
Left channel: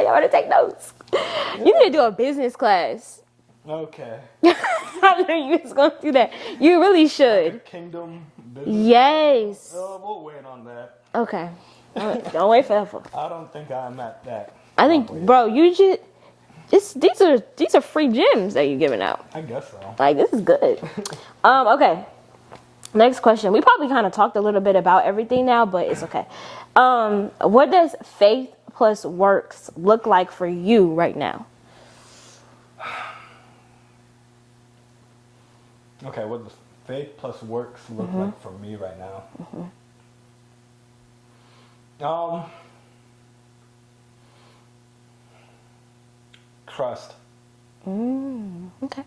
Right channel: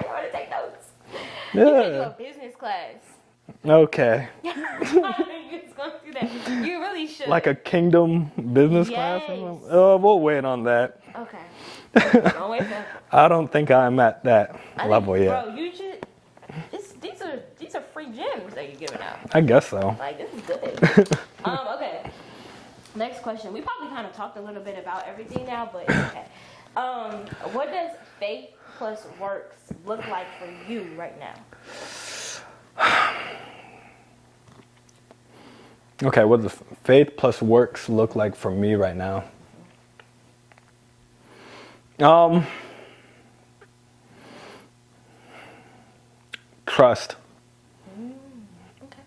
Y'all better take notes. Yeah. You need to do a business class. Okay. I knew you was going to do that. You really should. Like a kingdom business class? Yes. We'll wait on that. Okay. Don't wait for that. I don't think I'm at that level yet. Bro, you just these are free gems that you're giving out. I guess so. Like, this is good. Okay. Next question. We probably kind of talked a little bit about everything now, but it's okay. What does faith plus works look like for you right now? Okay, what does faith plus works look like for me right now? Trust. Okay.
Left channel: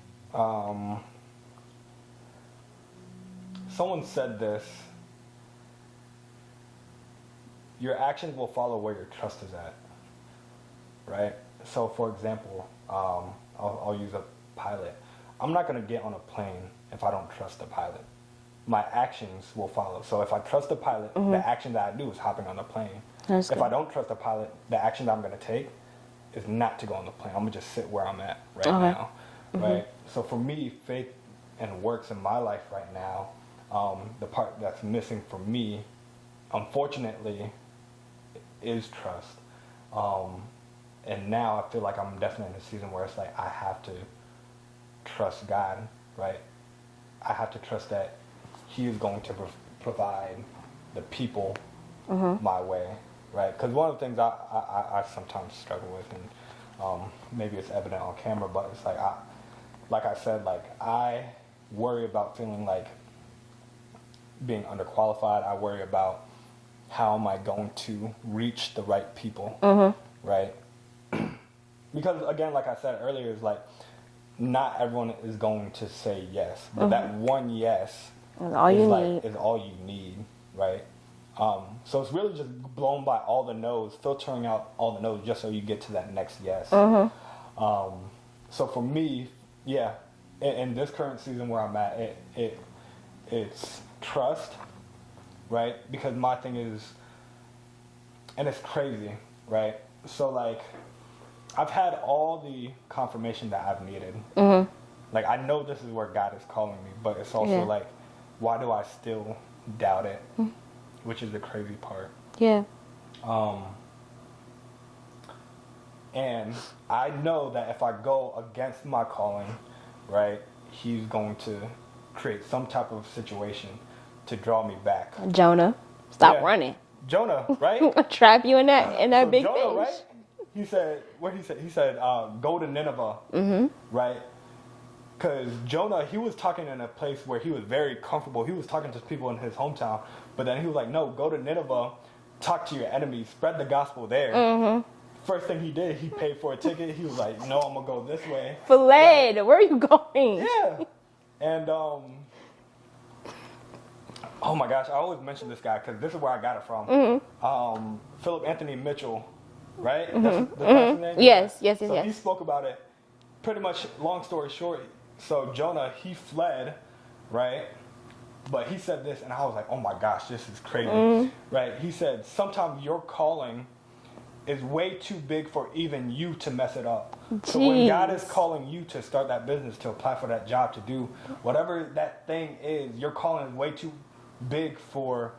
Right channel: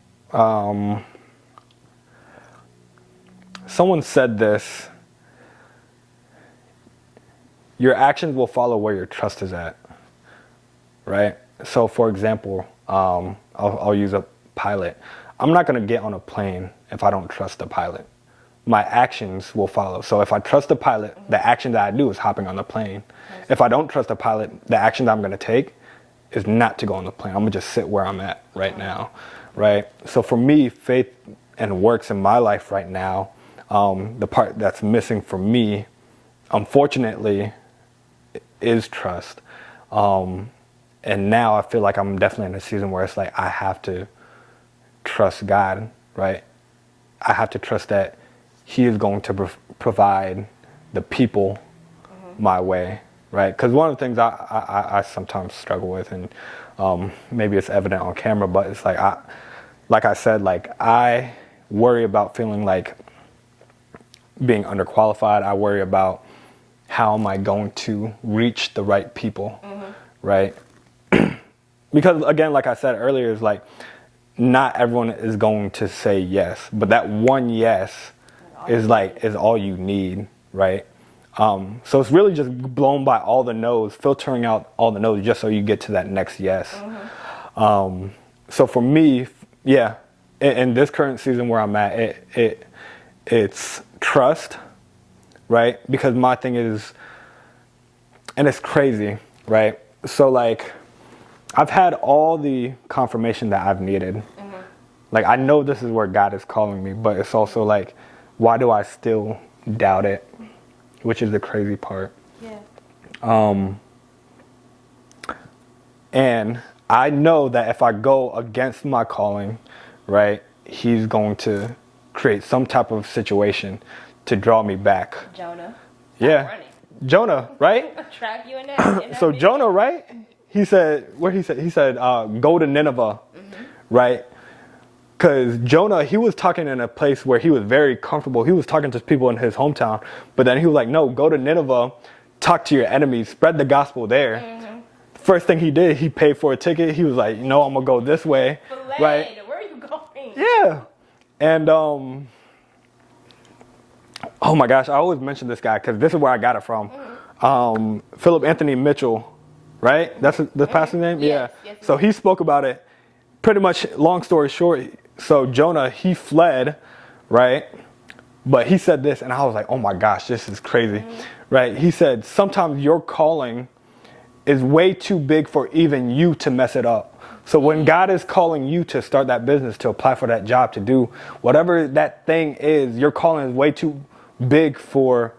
Someone said this. Your actions will follow where your trust is at. Right? So, for example, I'll use a pilot. I'm not going to get on a plane if I don't trust the pilot. My actions will follow. So if I trust the pilot, the action that I do is hopping on the plane. If I don't trust the pilot, the action that I'm going to take is not to go on the plane. I'm going to just sit where I'm at right now. Right? So for me, faith and works in my life right now, the part that's missing for me, unfortunately, is trust. And now I feel like I'm definitely in a season where it's like I have to trust God, right? I have to trust that He is going to provide the people my way, right? Because one of the things I sometimes struggle with, and maybe it's evident on camera, but it's like I said, I worry about feeling like being underqualified. I worry about how am I going to reach the right people, right? Because again, like I said earlier, it's like not everyone is going to say yes, but that one yes is all you need, right? So it's really just blown by all the no's, filtering out all the no's just so you get to that next yes. So for me, yeah, in this current season where I'm at, it's trust, right? Because my thing is, and it's crazy, right? So like, I've had all the confirmation that I've needed. Like, I know this is where God is calling me, but it's also like, why do I still doubt it? Which is the crazy part. Yeah. And I know that if I go against my calling, right, He's going to create some type of situation to draw me back. Jonah, stop running. Jonah, right? Trap you in that so big Jonah, fish. right? He said, go to Nineveh, right? Because Jonah, he was talking in a place where he was very comfortable. He was talking to people in his hometown. But then he was like, no, go to Nineveh, talk to your enemies, spread the gospel there. First thing he did, he paid for a ticket. He was like, I'm going to go this way. Fled. Right? Where are you going? Yeah. And, oh my gosh, I always mention this guy because this is where I got it from. Philip Anthony Mitchell. Right? That's the pastor's name? Yes, yeah. yes. So he spoke about it. Pretty much, long story short, so Jonah, he fled, right? But he said this, and I was like, oh my gosh, this is crazy, right? He said, sometimes your calling is way too big for even you to mess it up. So when God is calling you to start that business, to apply for that job, to do whatever that thing is, your calling is way too big for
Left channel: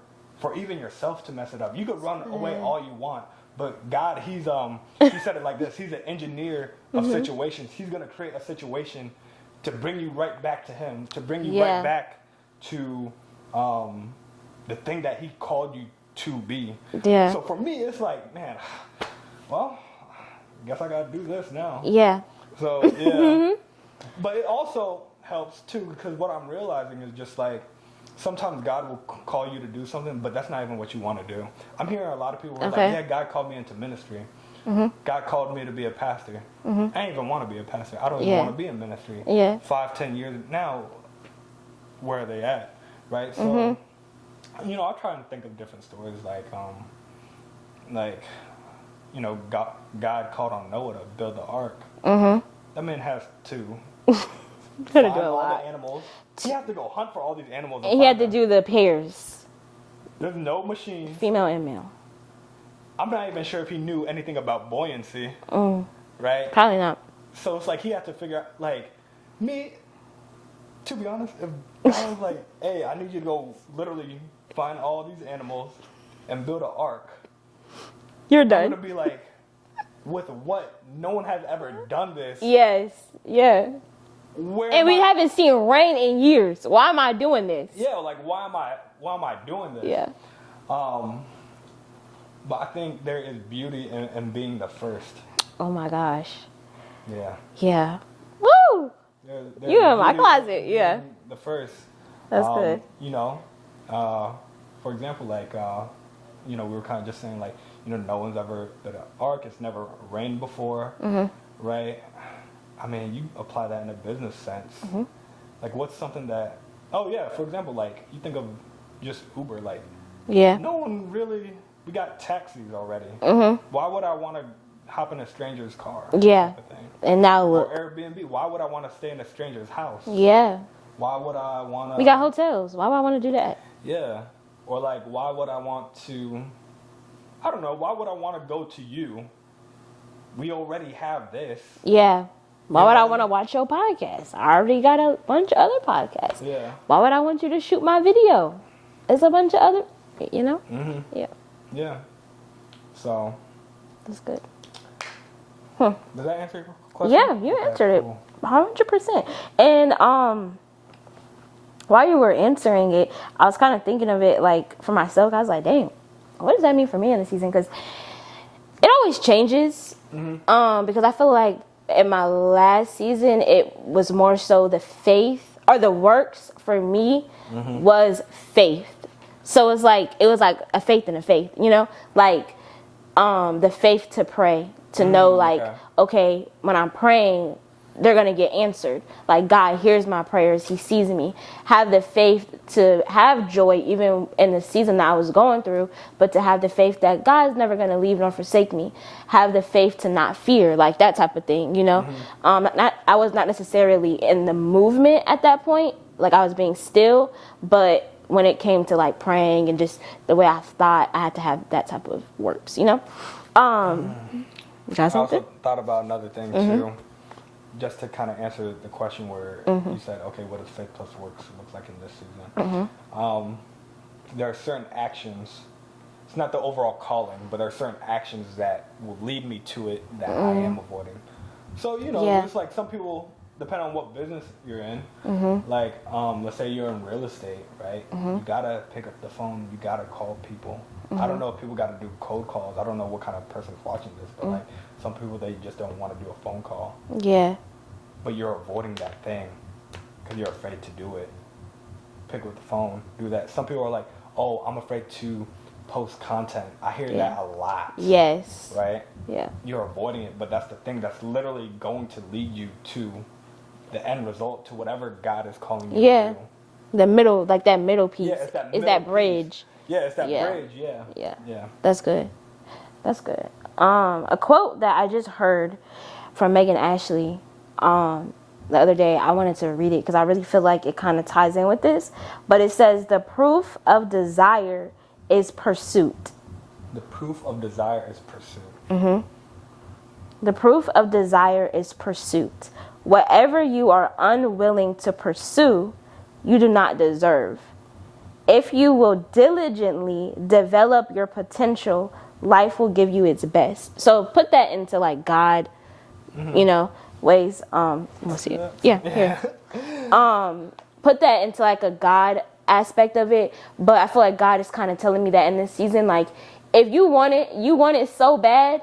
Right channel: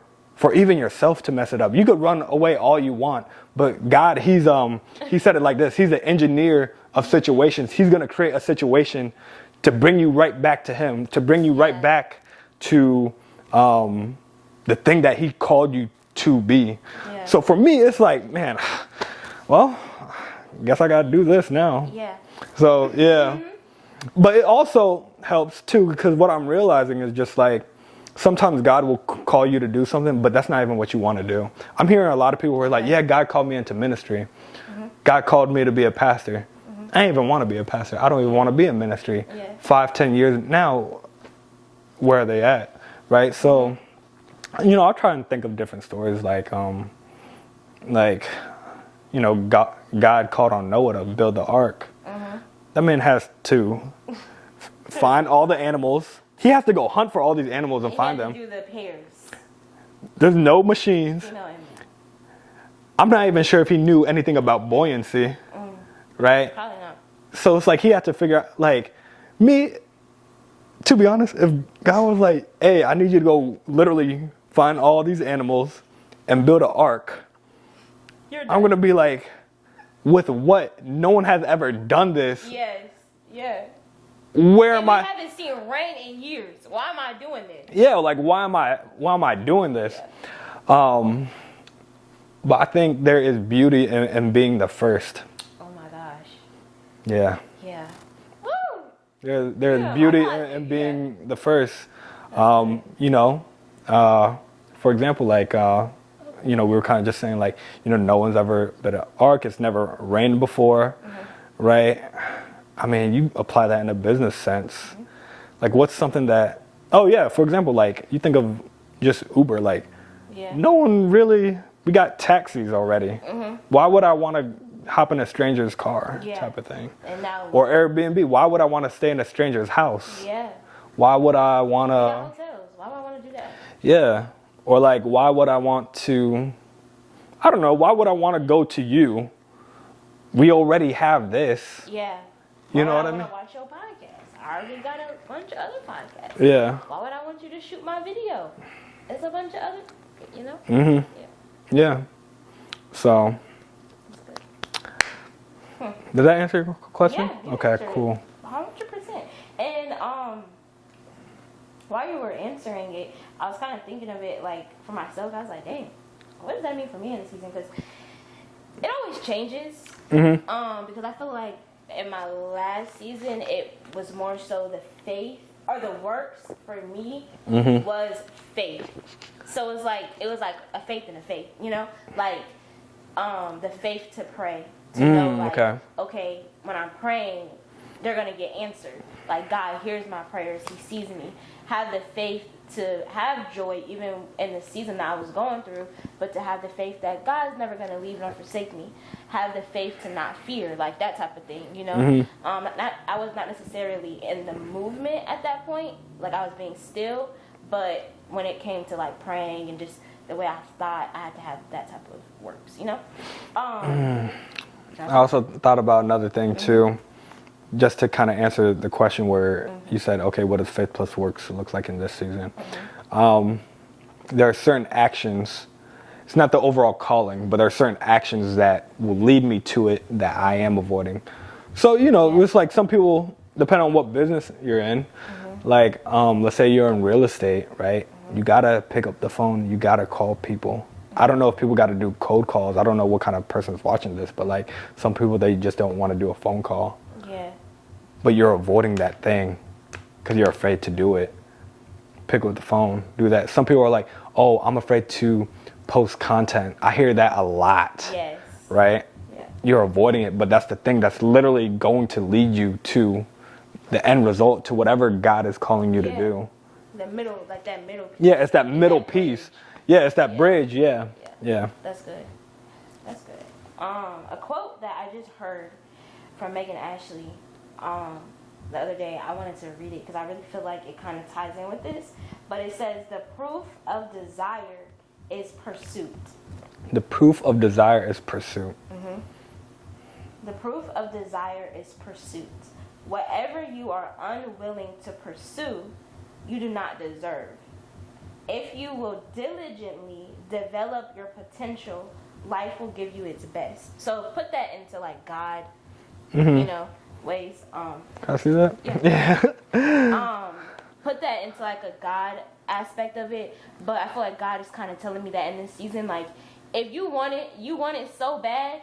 even yourself to mess it up. You could run away all you want, but God, he said it like this. He's an engineer of situations. He's going to create a situation to bring you right back to Him, to bring you right back to the thing that He called you to be. Yeah. So for me, it's like, man, well, guess I got to do this now. Yeah. So, yeah. But it also helps, too, because what I'm realizing is just like, sometimes God will call you to do something, but that's not even what you want to do. I'm hearing a lot of people who are like, yeah, God called me into ministry. God called me to be a pastor. I ain't even want to be a pastor. I don't even want to be in ministry. 5-10 years now, where are they at? Right? So, I'll try and think of different stories like God called on Noah to build the ark. That man has to find all the animals. He has to go hunt for all these animals and find them. He had to do the pairs. There's no machines. Female and male. I'm not even sure if he knew anything about buoyancy. Right? Probably not. So it's like he had to figure out, like, me, to be honest, if God was like, hey, I need you to go literally find all these animals, and build an ark, You're done. I'm gonna be like, with what? No one has ever done this. Yes. Yeah. Where And am we I? haven't seen rain in years. Why am I doing this? Yeah, like why am I doing this? Yeah. But I think there is beauty in being the first. Oh my gosh. Yeah. Yeah. Woo! There's You in my beauty closet, in being yeah. the first. That's good. You know, for example, like, you know, we were kind of just saying, like, you know, no one's ever been an ark. It's never rained before, right? I mean, you apply that in a business sense. Like, what's something that, oh, yeah, for example, like, you think of just Uber, like, Yeah. no one really, we got taxis already. Why would I want to hop in a stranger's car Yeah. type of thing? And now look. Or Airbnb, why would I want to stay in a stranger's house? Yeah. Why would I want to... We got hotels. Why would I want to do that? Yeah. Or like, why would I want to... I don't know. Why would I want to go to you? We already have this. Yeah. Why You know would I what I want to mean? watch your podcast? I already got a bunch of other podcasts. Yeah. Why would I want you to shoot my video? It's a bunch of other, you know? Yeah. Yeah. So, That's good. did that answer your question? Yeah, you okay, answered cool. it 100%. And while you were answering it, I was kind of thinking of it like for myself. I was like, dang, what does that mean for me in the season? Because it always changes. Because I feel like in my last season, it was more so the faith or the works for me was faith. So it was like a faith in a faith, you know, like the faith to pray. To know, like, okay, when I'm praying, they're going to get answered. Like, God hears my prayers. He sees me. Have the faith to have joy, even in the season that I was going through, but to have the faith that God's never going to leave nor forsake me. Have the faith to not fear, like that type of thing, you know? I was not necessarily in the movement at that point. Like, I was being still, but when it came to, like, praying and just the way I thought, I had to have that type of works, you know? I also thought about another thing too, just to kind of answer the question where you said, okay, what does faith plus works look like in this season? There are certain actions, it's not the overall calling, but there are certain actions that will lead me to it that I am avoiding. So, you know, it's like some people, depending on what business you're in, like, let's say you're in real estate, right? You got to pick up the phone, you got to call people. I don't know if people got to do cold calls. I don't know what kind of person's watching this, but like some people, they just don't want to do a phone call. Yeah. But you're avoiding that thing because you're afraid to do it. Pick up the phone, do that. Some people are like, oh, I'm afraid to post content. I hear that a lot. Yes. Right? Yeah. You're avoiding it, but that's the thing that's literally going to lead you to the end result, to whatever God is calling you to do. The middle, like that middle piece. Yeah, it's that middle piece. Bridge. Yeah, it's that bridge, yeah. That's good. That's good. A quote that I just heard from Megan Ashley the other day, I wanted to read it because I really feel like it kind of ties in with this. But it says, the proof of desire is pursuit. The proof of desire is pursuit. The proof of desire is pursuit. Whatever you are unwilling to pursue, you do not deserve. If you will diligently develop your potential, life will give you its best. So put that into like God, you know, ways. I see that. Yeah. Put that into like a God aspect of it. But I feel like God is kind of telling me that in this season, like, if you want it so bad,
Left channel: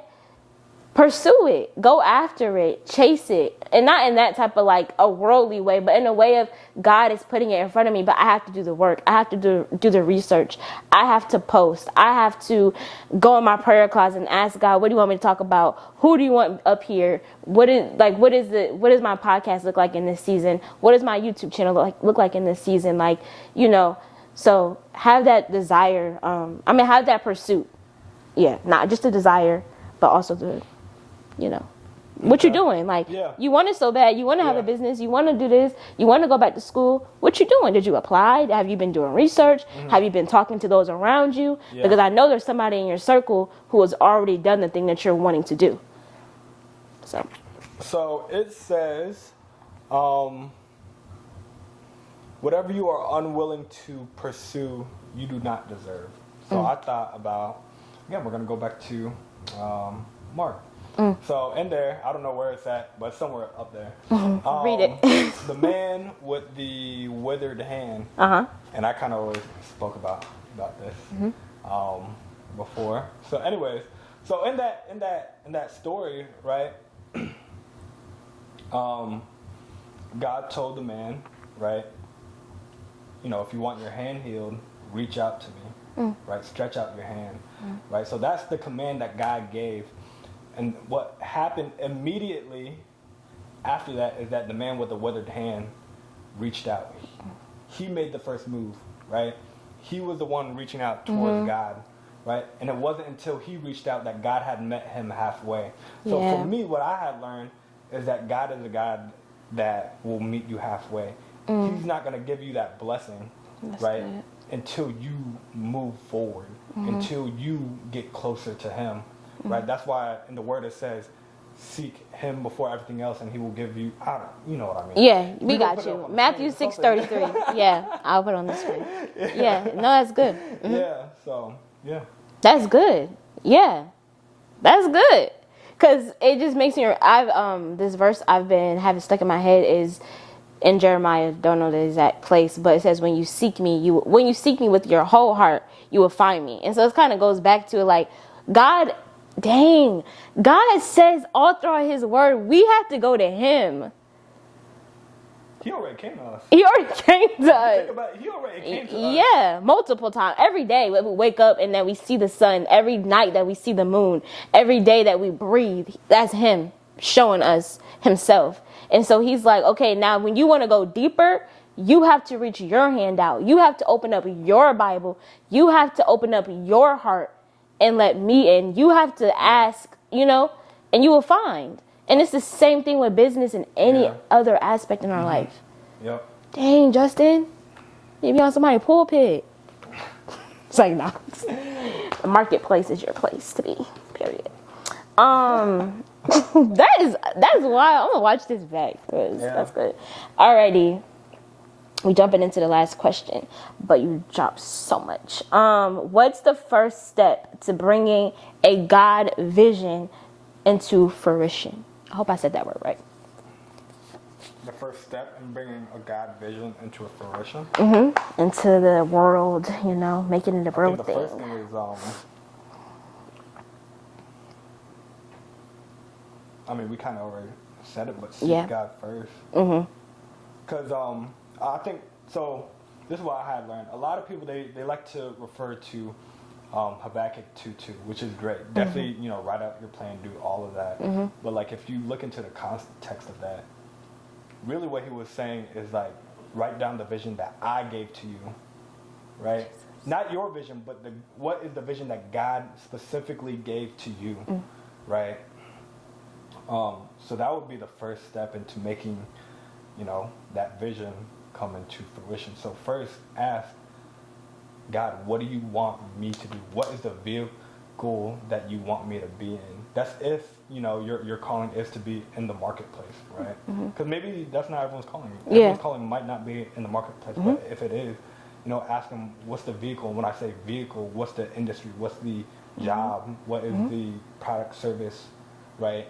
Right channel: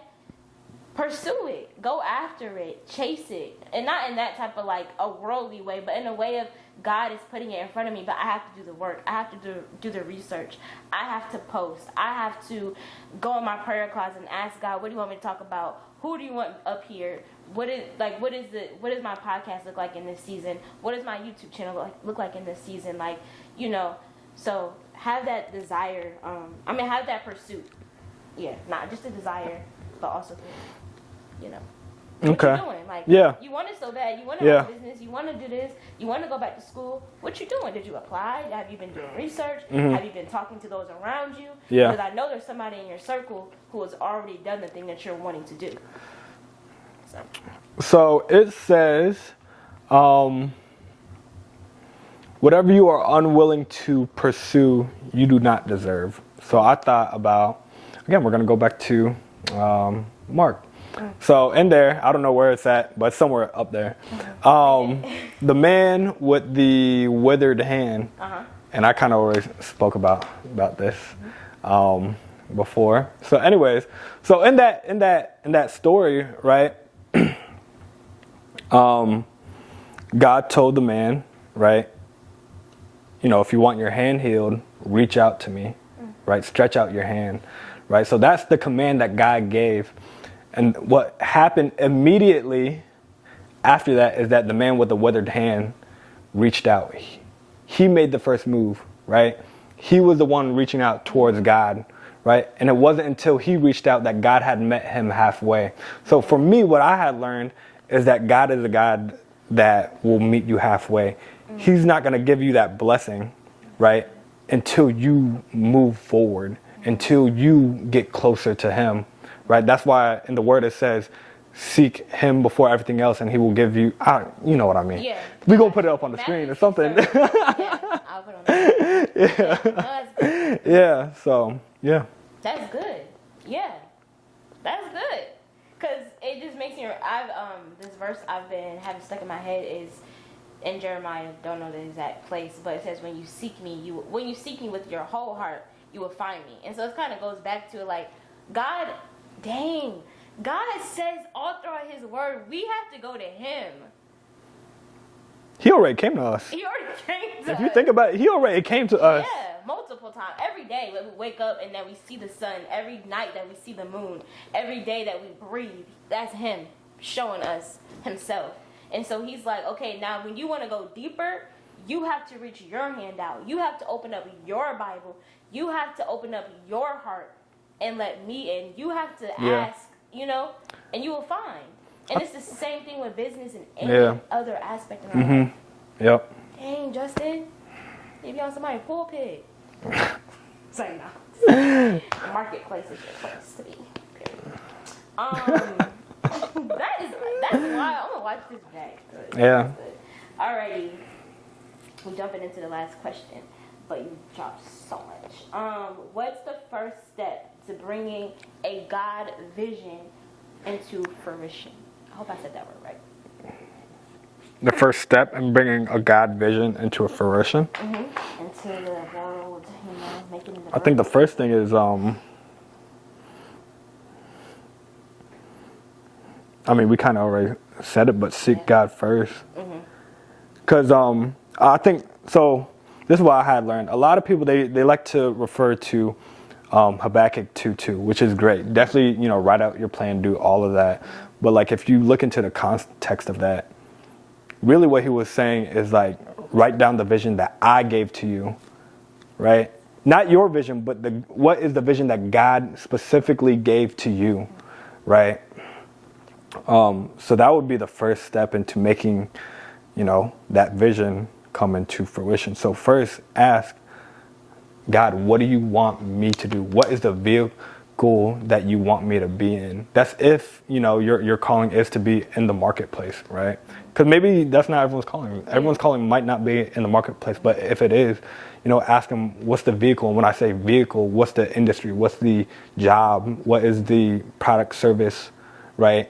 pursue it, go after it, chase it. And not in that type of like a worldly way, but in a way of God is putting it in front of me, but I have to do the work. I have to do the research. I have to post. I have to go in my prayer closet and ask God, what do you want me to talk about? Who do you want up here? What does my podcast look like in this season? What does my YouTube channel look like in this season? Like, you know, so have that desire. Have that pursuit. Yeah, not just a desire, but also the, you know, what you're doing. Like, you want it so bad. You want to have a business. You want to do this. You want to go back to school. What you doing? Did you apply? Have you been doing research? Have you been talking to those around you? Yeah. Because I know there's somebody in your circle who has already done the thing that you're wanting to do. So it says, whatever you are unwilling to pursue, you do not deserve. So I thought about, again, we're going to go back to Mark. So in there, I don't know where it's at, but it's somewhere up there. Read it. The man with the withered hand. And I kind of already spoke about this before. So anyways, so in that story, right? God told the man, right? If you want your hand healed, reach out to me, right? Stretch out your hand, right? So that's the command that God gave. And what happened immediately after that is that the man with the withered hand reached out. He made the first move, right? He was the one reaching out towards God, right? And it wasn't until he reached out that God had met him halfway. So for me, what I had learned is that God is a God that will meet you halfway. He's not going to give you that blessing, right? Until you move forward, until you get closer to him, right? That's why in the word it says, seek him before everything else and he will give you, you know what I mean. Yeah. We're going to put it up on the screen or something. Matthew 6:33. Yeah, I'll put it on the screen. Yeah. No, that's good. Yeah, so, yeah. That's good. Yeah. That's good. Because it just makes me, this verse I've been having stuck in my head is in Jeremiah, don't know the exact place, but it says, when you seek me with your whole heart, you will find me. And so it kind of goes back to like, God says all throughout his word, we have to go to him. He already came to us. He already came to us. If you think about it, he already came to us. Yeah, multiple times. Every day when we wake up and then we see the sun. Every night that we see the moon. Every day that we breathe. That's him showing us himself. And so he's like, okay, now when you want to go deeper, you have to reach your hand out. You have to open up your Bible. You have to open up your heart and let me in. You have to ask, and you will find. And it's the same thing with business and any other aspect in our life. Yep. Dang, Justin. You be on somebody's pulpit. It's like, no. The marketplace is your place to be. Period. That's why I'm gonna watch this back. That's good. Alrighty. We jumping into the last question, but you dropped so much. What's the first step to bringing a God vision into fruition? I hope I said that word right. The first step in bringing a God vision into a fruition? Into the world, making it a birthday. I think the first thing is, we kind of already said it, but seek God first. Because I think, so this is what I had learned. A lot of people, they like to refer to Habakkuk 2:2, which is great. Definitely, write out your plan, do all of that. But like, if you look into the context of that, really what he was saying is like, write down the vision that I gave to you, right? Not your vision, but what is the vision that God specifically gave to you, right? So that would be the first step into making, that vision come into fruition. So first ask God, what do you want me to do? What is the vehicle that you want me to be in? That's if, your calling is to be in the marketplace, right? Because maybe that's not everyone's calling. Everyone's calling might not be in the marketplace, but if it is, ask them, what's the vehicle? And when I say vehicle, what's the industry? What's the job? What is the product, service, right?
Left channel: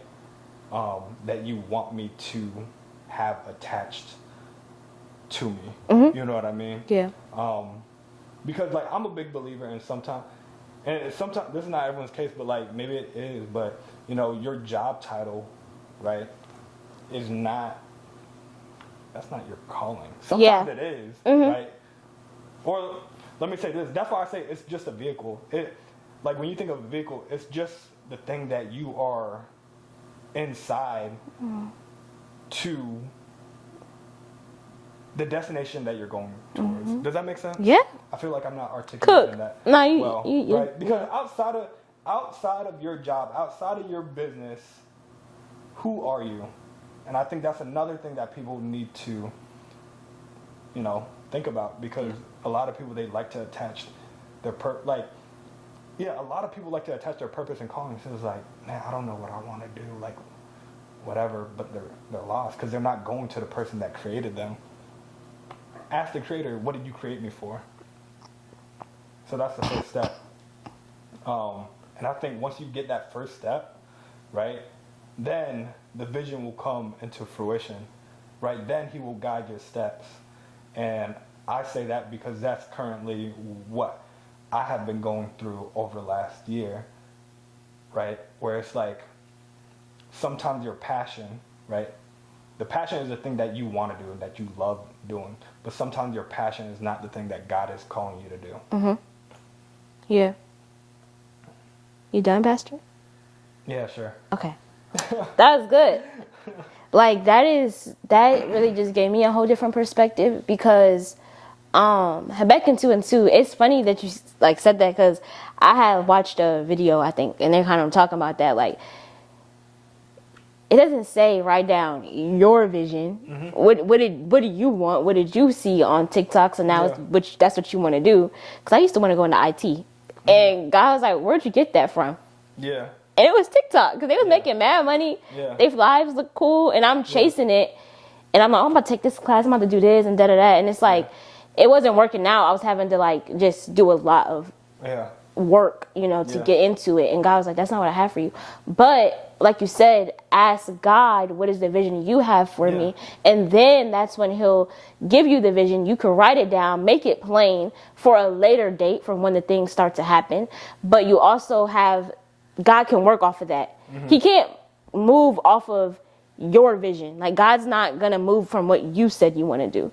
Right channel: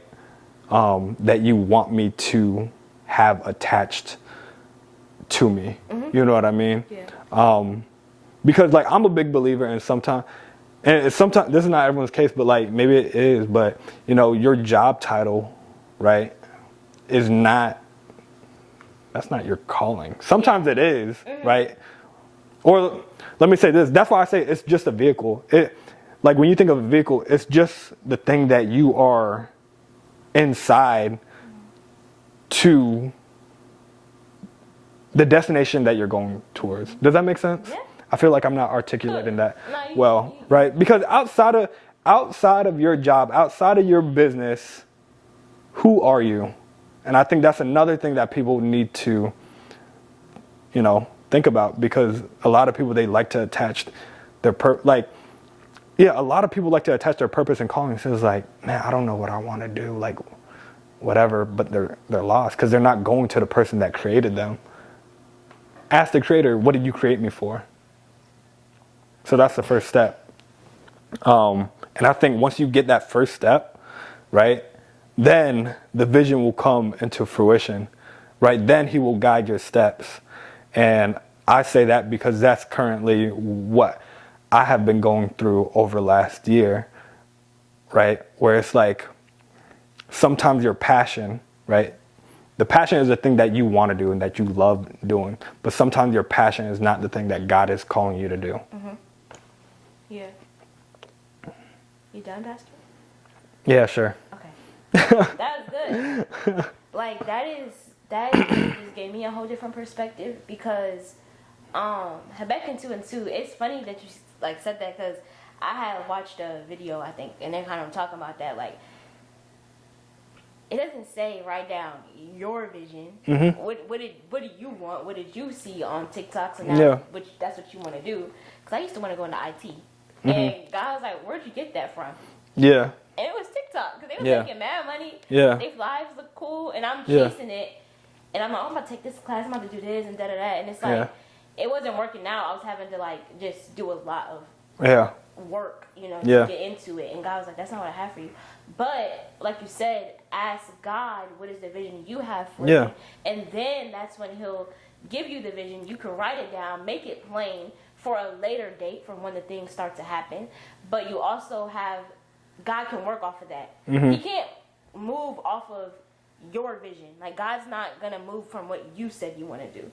That you want me to have attached to me. You know what I mean? Yeah. Because like, I'm a big believer in sometimes this is not everyone's case, but like maybe it is, but your job title, right, that's not your calling. Sometimes it is, right? Or let me say this, that's why I say it's just a vehicle. Like when you think of a vehicle, it's just the thing that you are inside to the destination that you're going towards. Does that make sense? Yeah. I feel like I'm not articulating that you, right? Because outside of your job, outside of your business, who are you? And I think that's another thing that people need to, think about, because a lot of people, they like to attach their a lot of people like to attach their purpose and calling. So it's like, man, I don't know what I want to do, like whatever, but they're lost because they're not going to the person that created them. Ask the creator, what did you create me for? So that's the first step. And I think once you get that first step, right, then the vision will come into fruition, right? Then he will guide your steps. And I say that because that's currently what I have been going through over last year, right? Where it's like sometimes your passion, right? The passion is the thing that you want to do and that you love doing. But sometimes your passion is not the thing that God is calling you to do. Mm-hmm. Yeah. You done, Pastor? Yeah, sure. Okay. That was good. Like that really just gave me a whole different perspective because Habakkuk 2:2, it's funny that you like said that because I had watched a video, I think, and they're kind of talking about that. Like, it doesn't say write down your vision. Mm-hmm. What do you want? What did you see on TikTok? So now that's what you want to do. Because I used to want to go into IT. Mm-hmm. And God was like, where'd you get that from? Yeah. And it was TikTok because they was making mad money. Yeah. Their lives look cool. And I'm chasing it. And I'm like, oh, I'm about to take this class. I'm about to do this and da-da-da. And it's like, it wasn't working out. I was having to like just do a lot of work, to get into it. And God was like, that's not what I have for you. But like you said, ask God, what is the vision you have for me? And then that's when he'll give you the vision. You can write it down, make it plain for a later date from when the things start to happen. But you also have, God can work off of that. Mm-hmm. He can't move off of your vision. Like God's not going to move from what you said you want to do.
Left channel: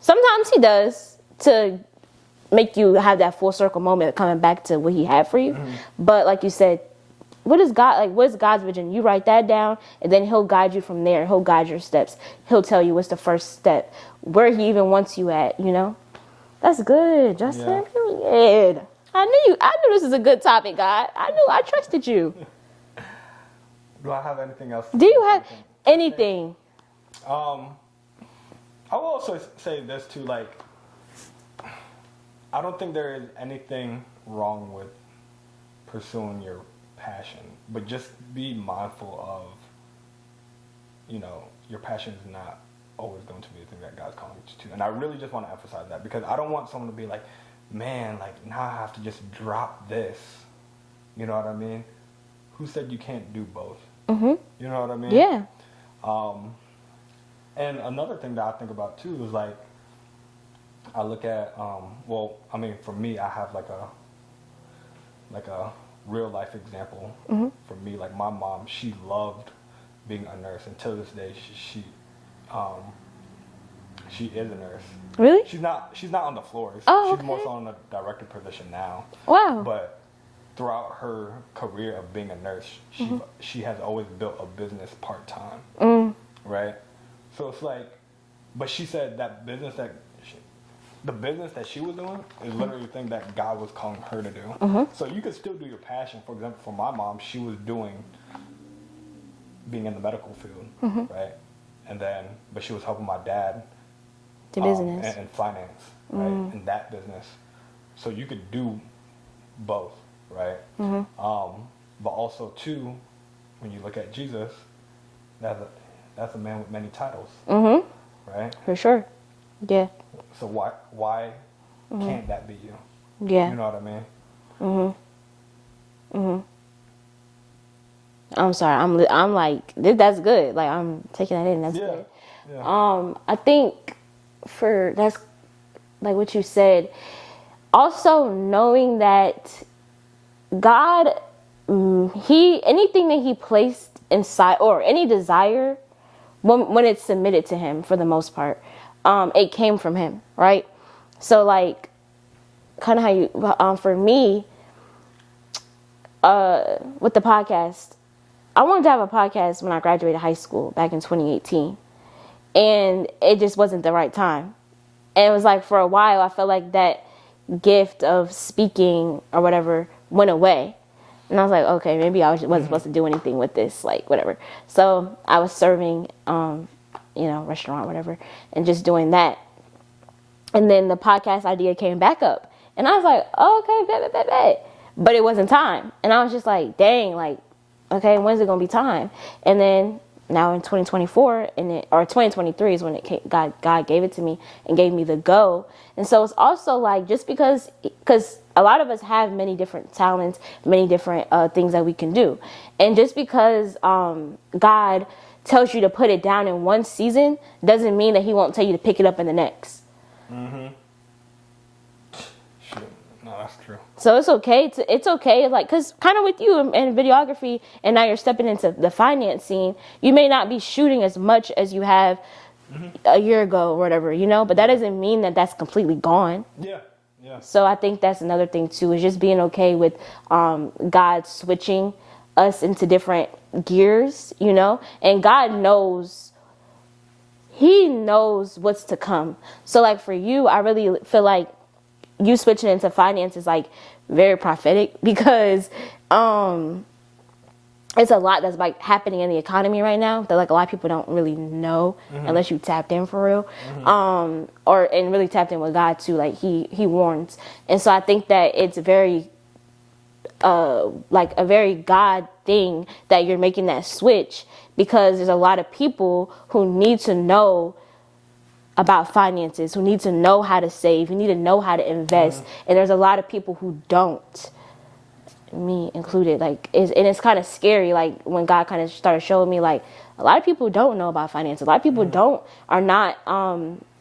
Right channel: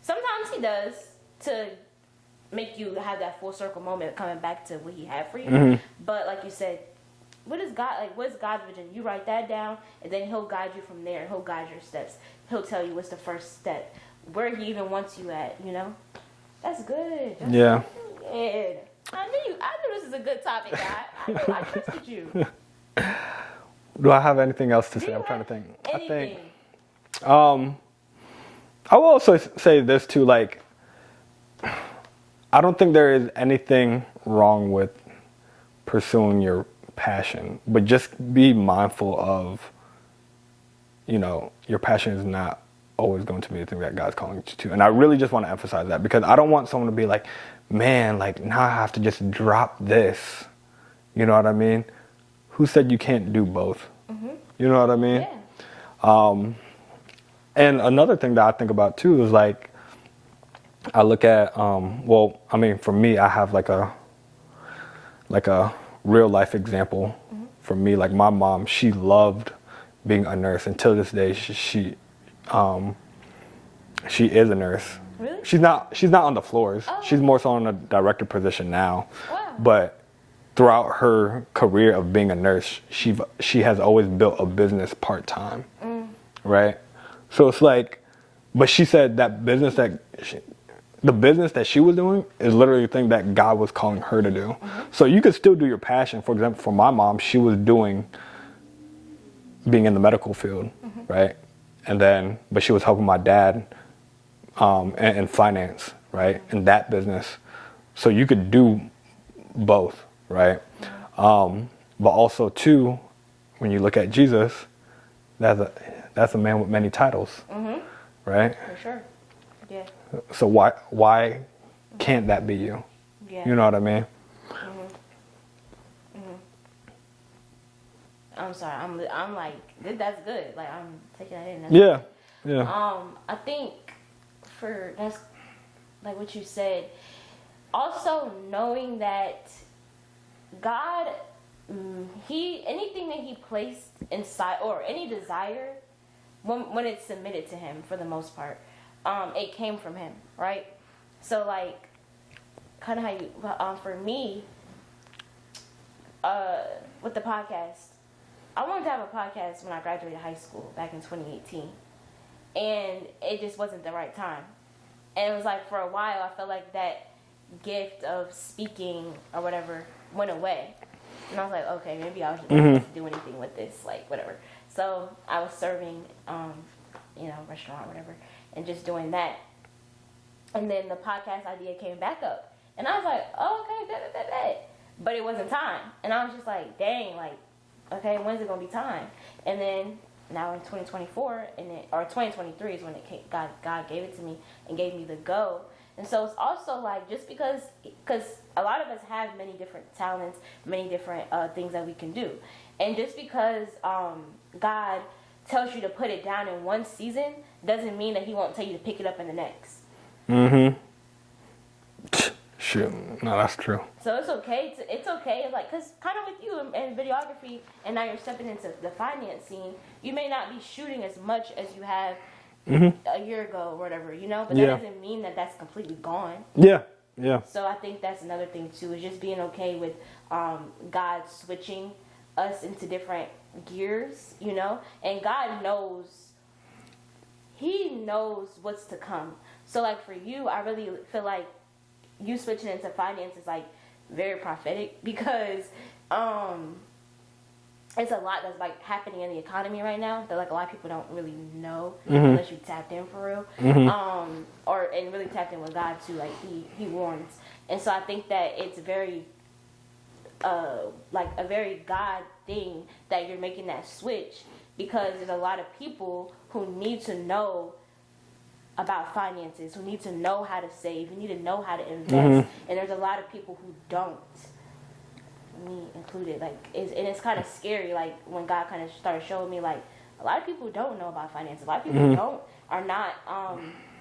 Sometimes he does to make you have that full circle moment of coming back to what he had for you. Mm-hmm. But like you said, what's God's vision? You write that down and then he'll guide you from there. He'll guide your steps. He'll tell you what's the first step, where he even wants you at, That's good, Justin. Yeah. Good. I knew this was a good topic, God. I trusted you. Do I have anything else to say? Do you have anything? I will also say this too, like, I don't think there is anything wrong with pursuing your passion, but just be mindful of, your passion is not always going to be the thing that God's calling you to. And I really just want to emphasize that because I don't want someone to be like, man, like now I have to just drop this. You know what I mean? Who said you can't do both? Mm-hmm. You know what I mean? Yeah. And another thing that I think about too is like, I look at, for me, I have like a real life example. Mm-hmm. For me, like my mom, she loved being a nurse. Until this day, she is a nurse. Really? She's not on the floors. Oh, she's more so in a director position now. Wow. But throughout her career of being a nurse, she has always built a business part-time. Right? So it's like, but she said that the business that she was doing is literally the thing that God was calling her to do. Mm-hmm. So you could still do your passion. For example, for my mom, she was being in the medical field, right? But she was helping my dad in finance, right? In that business. So you could do both, right? Mm-hmm. But also too, when you look at Jesus, that's a man with many titles, right? For sure. Yeah. So why can't that be you? Yeah. You know what I mean? I'm sorry. I'm like, that's good. Like I'm taking that in. That's good. Yeah. I think that's like what you said. Also knowing that God, anything that he placed inside or any desire, when it's submitted to him for the most part, it came from him, right? So like, kind of how you, for me, with the podcast, I wanted to have a podcast when I graduated high school back in 2018, and it just wasn't the right time. And it was like for a while, I felt like that gift of speaking or whatever went away. And I was like, okay, maybe I wasn't supposed to do anything with this, like whatever. So I was serving, restaurant, whatever, and just doing that. And then the podcast idea came back up. And I was like, oh, okay, bet. But it wasn't time. And I was just like, dang, like, okay, when's it going to be time? And then now in 2024, or 2023 is when it came, God gave it to me and gave me the go. And so it's also like, just because a lot of us have many different talents, many different things that we can do. And just because God tells you to put it down in one season doesn't mean that he won't tell you to pick it up in the next. Shoot, no, that's true. So it's okay, like, because kind of with you in videography, and now you're stepping into the finance scene, you may not be shooting as much as you have a year ago or whatever, but that doesn't mean that that's completely gone. Yeah. So I think that's another thing too, is just being okay with God switching us into different gears, and God knows, he knows what's to come. So like for you, I really feel like you switching into finance is like very prophetic, because it's a lot that's like happening in the economy right now that like a lot of people don't really know unless you tapped in for real, and really tapped in with God too. Like he warns, and so I think that it's very like a very God thing that you're making that switch, because there's a lot of people who need to know about finances, who need to know how to save, who need to know how to invest, and there's a lot of people who don't, me included. Like, it's kind of scary. Like when God kind of started showing me, like a lot of people don't know about finance. A lot of people are not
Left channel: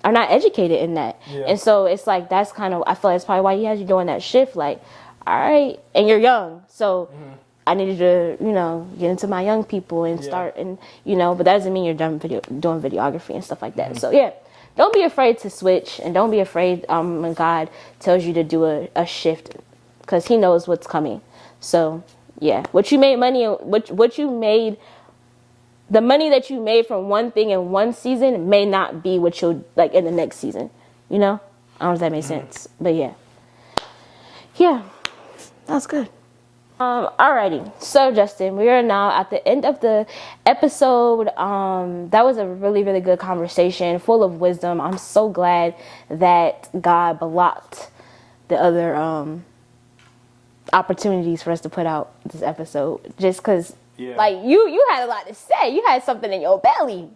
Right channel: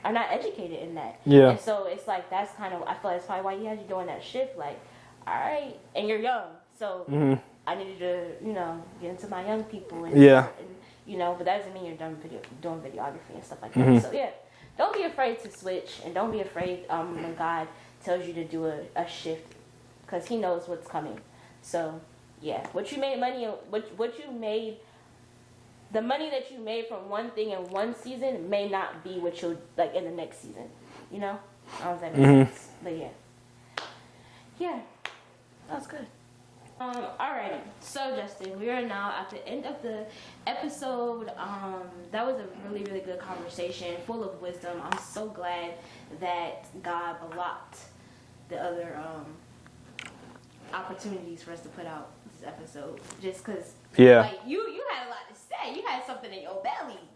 educated in that. Yeah. And so it's like that's kind of, I feel like that's probably why he has you doing that shift. Like, all right, and you're young, so I needed to, get into my young people and start, and but that doesn't mean you're done doing videography and stuff like that. So yeah. Don't be afraid to switch, and don't be afraid when God tells you to do a shift, because he knows what's coming. So, yeah, the money that you made from one thing in one season may not be what you'll like in the next season. I don't know if that makes sense, but yeah, that's good. Alrighty, so Justin, we are now at the end of the episode. That was a really, really good conversation, full of wisdom. I'm so glad that God blocked the other opportunities for us to put out this episode, just because, like you had a lot to say. You had something in your belly.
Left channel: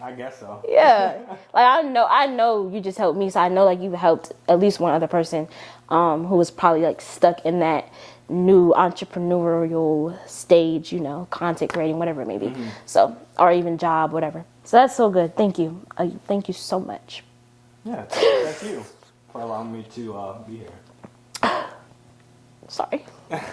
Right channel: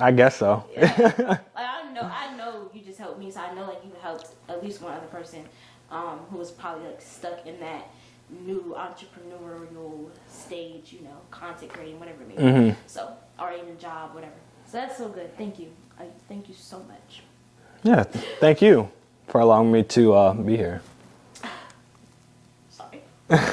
I guess so. Yeah, like I know you just helped me, so I know like you helped at least one other person, who was probably like stuck in that new entrepreneurial stage, content creating, whatever it may be. So, or even job, whatever. So that's so good. Thank you. Thank you so much. Yeah, thank you for allowing me to be here. Sorry.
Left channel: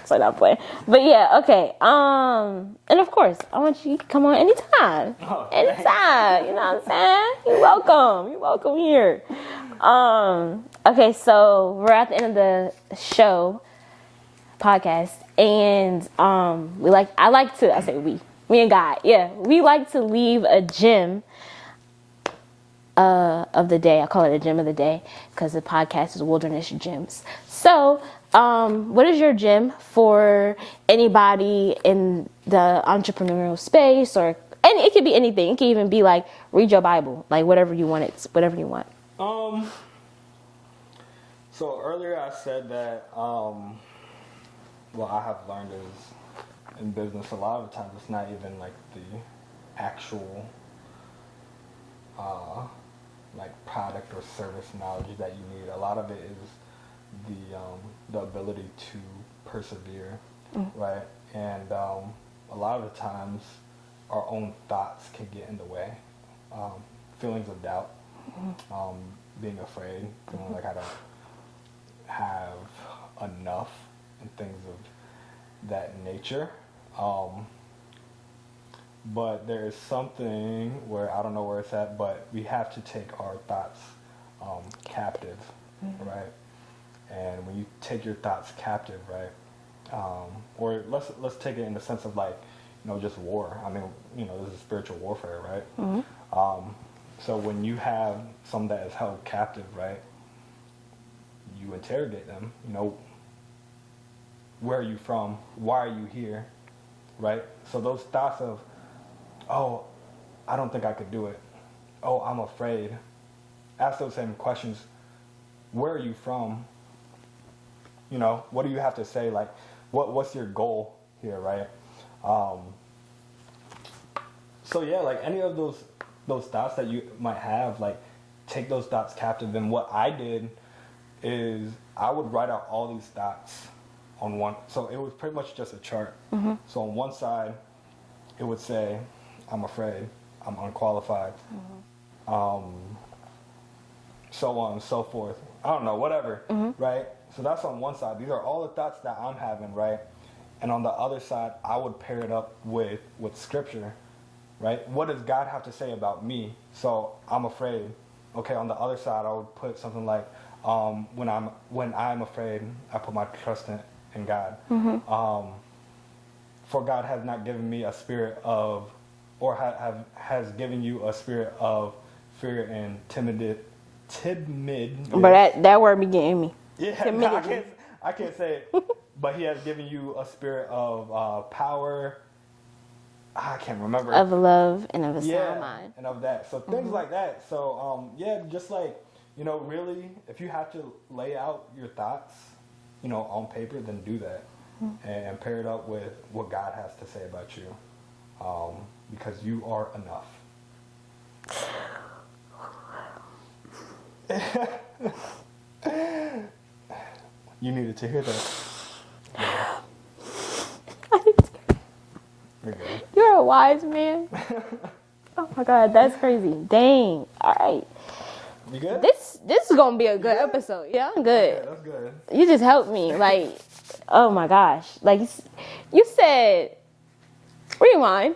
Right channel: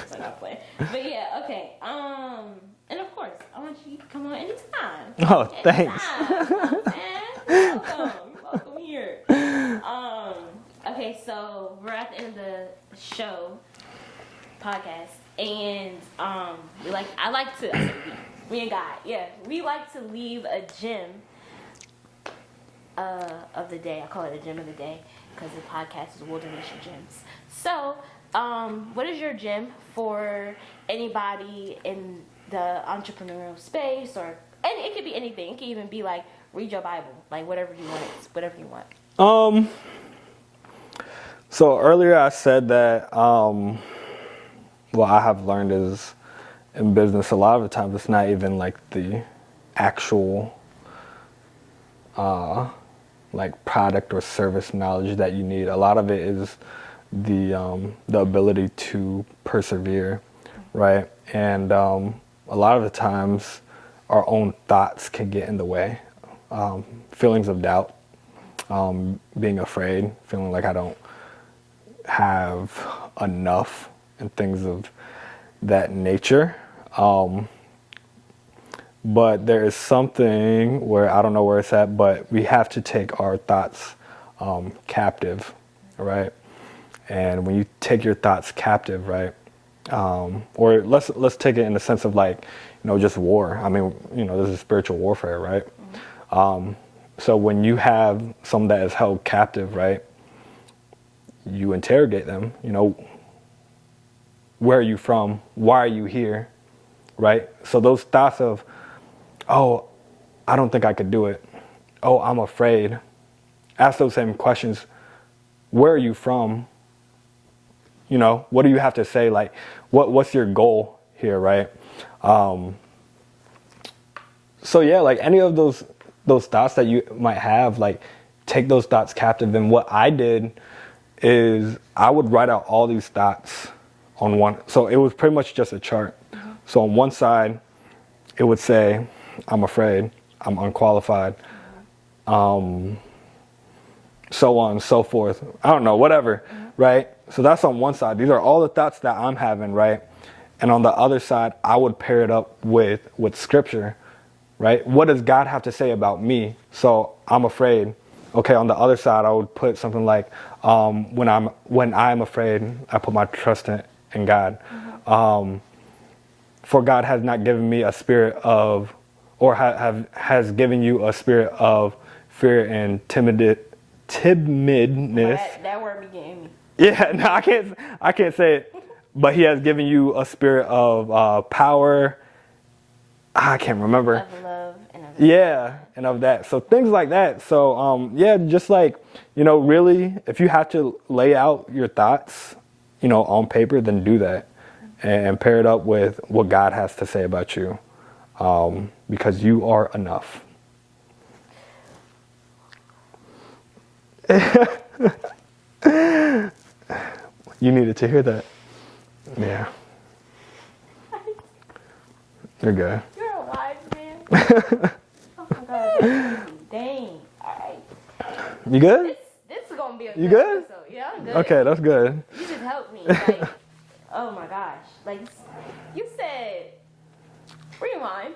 So not playing. But yeah, okay. And of course, I want you to come on anytime. Oh, thanks. Anytime. You know what I'm saying? You're welcome. You're welcome here. Okay, so we're at the end of the show. Podcast, and me and God, we like to leave a gem of the day. I call it a gem of the day because the podcast is Wilderness Gems. So what is your gem for anybody in the entrepreneurial space, and it could be anything. It could even be like read your Bible, like whatever you want. It's whatever you want. So earlier I said that what I have learned is in business, a lot of the times it's not even like the actual like product or service knowledge that you need. A lot of it is the ability to persevere, right? And a lot of the times our own thoughts can get in the way. Feelings of doubt, being afraid, feeling like I don't have enough, and things of that nature. But there is something where I don't know where it's at, but we have to take our thoughts captive, right? And when you take your thoughts captive, right? Or let's take it in the sense of like, just war. I mean, this is spiritual warfare, right? So when you have someone that is held captive, right? You interrogate them, where are you from? Why are you here? Right? So those thoughts of, oh, I don't think I could do it. Oh, I'm afraid. Ask those same questions. Where are you from? What do you have to say? Like, what's your goal here, right? So yeah, like any of those thoughts that you might have, like take those thoughts captive. And what I did is I would write out all these thoughts on one. So it was pretty much just a chart. So on one side, it would say, I'm afraid, I'm unqualified, so on and so forth. I don't know, whatever, right? So that's on one side. These are all the thoughts that I'm having, right? And on the other side, I would pair it up with scripture, right? What does God have to say about me? So I'm afraid. Okay, on the other side, I would put something like, when I'm afraid, I put my trust in God. For God has not given me a spirit of, or has given you a spirit of fear and timidness. But that word be getting me. Yeah, no, I can't say it. But he has given you a spirit of power. I can't remember. Of love and of a sound mind. And of that. So things like that. So just like, really, if you have to lay out your thoughts, on paper, then do that. And pair it up with what God has to say about you. Because you are enough. You needed to hear that. Yeah. You're good. You're a wise man. Oh my God, that's crazy. Dang. All right. You good? This is gonna be a good episode. Yeah, I'm good. Okay, that's good. You just helped me. Like, oh my gosh. Like, you said, rewind.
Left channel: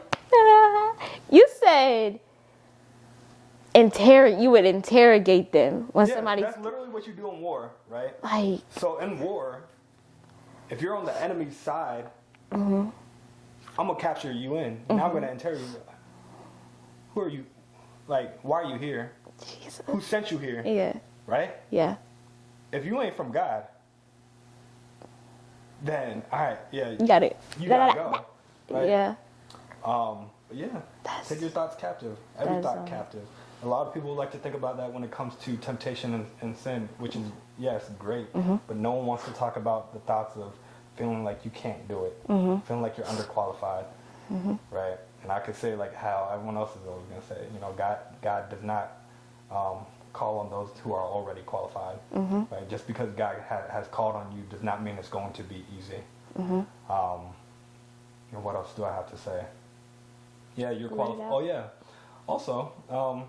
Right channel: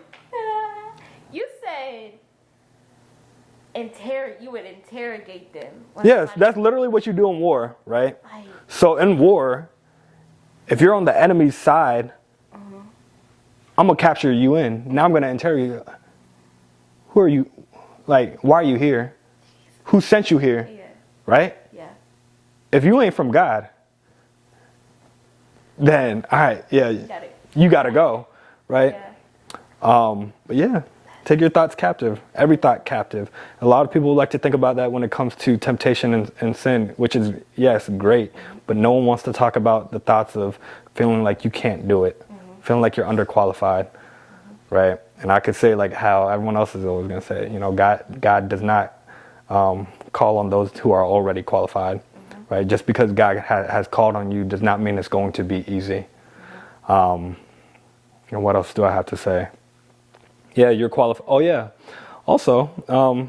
You said, you would interrogate them. Yes, that's literally what you do in war, right? Like, so in war, if you're on the enemy's side, I'm gonna capture you in. Now I'm gonna interrogate you. Who are you? Like, why are you here? Jesus. Who sent you here? Yeah. Right? Yeah. If you ain't from God, then all right, yeah. You got it. You gotta go, right? Yeah. But yeah, take your thoughts captive. Every thought captive. A lot of people like to think about that when it comes to temptation and sin, which is, yes, great. But no one wants to talk about the thoughts of feeling like you can't do it, feeling like you're underqualified, right? And I could say like how everyone else is always going to say, God does not call on those who are already qualified, right? Just because God has called on you does not mean it's going to be easy. And what else do I have to say? Yeah, you're qualified. Oh, yeah. Also, I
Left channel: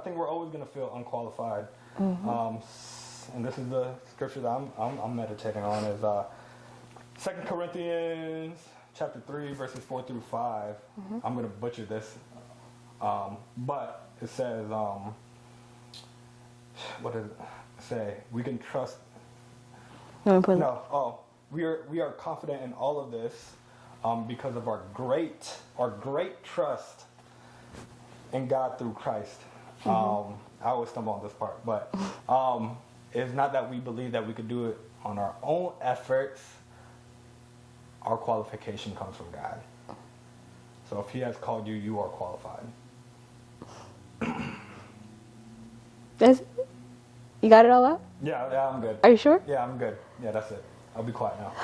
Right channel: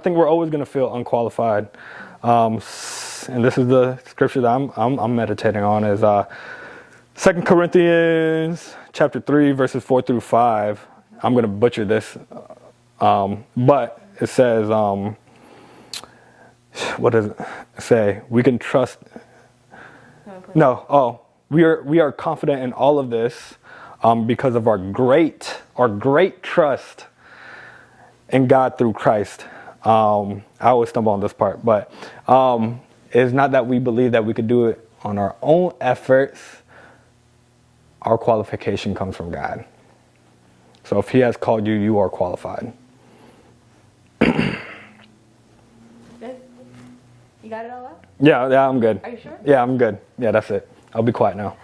think we're always going to feel unqualified. And this is the scripture that I'm meditating on is 2 Corinthians chapter 3, verses 4 through 5. I'm going to butcher this. But it says, what does it say? We can trust. We are confident in all of this. Because of our great trust in God through Christ. I always stumble on this part, but it's not that we believe that we could do it on our own efforts. Our qualification comes from God. So if he has called you, you are qualified. You got it all out? Yeah, I'm good. Are you sure? Yeah, I'm good. Yeah, that's it. I'll be quiet now.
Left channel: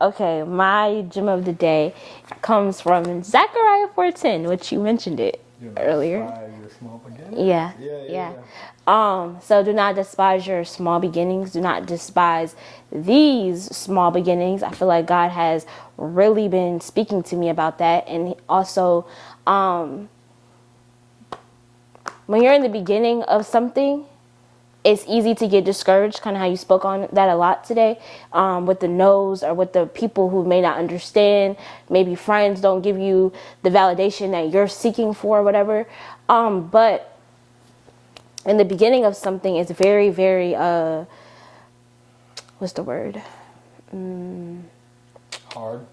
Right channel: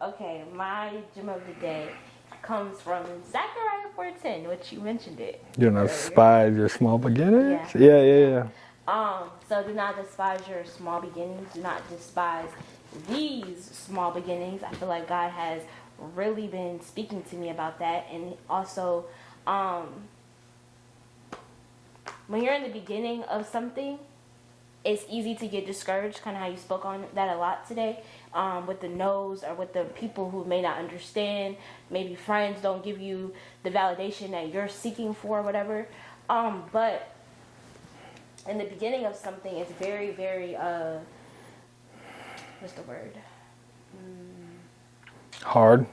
Okay, my gem of the day comes from Zechariah 4:10, which you mentioned it. Do not despise your small beginnings. Yeah. So do not despise your small beginnings. Do not despise these small beginnings. I feel like God has really been speaking to me about that. And also, when you're in the beginning of something, it's easy to get discouraged, kind of how you spoke on that a lot today, with the no's or with the people who may not understand. Maybe friends don't give you the validation that you're seeking for or whatever. But in the beginning of something, it's very, very, what's the word? Hard?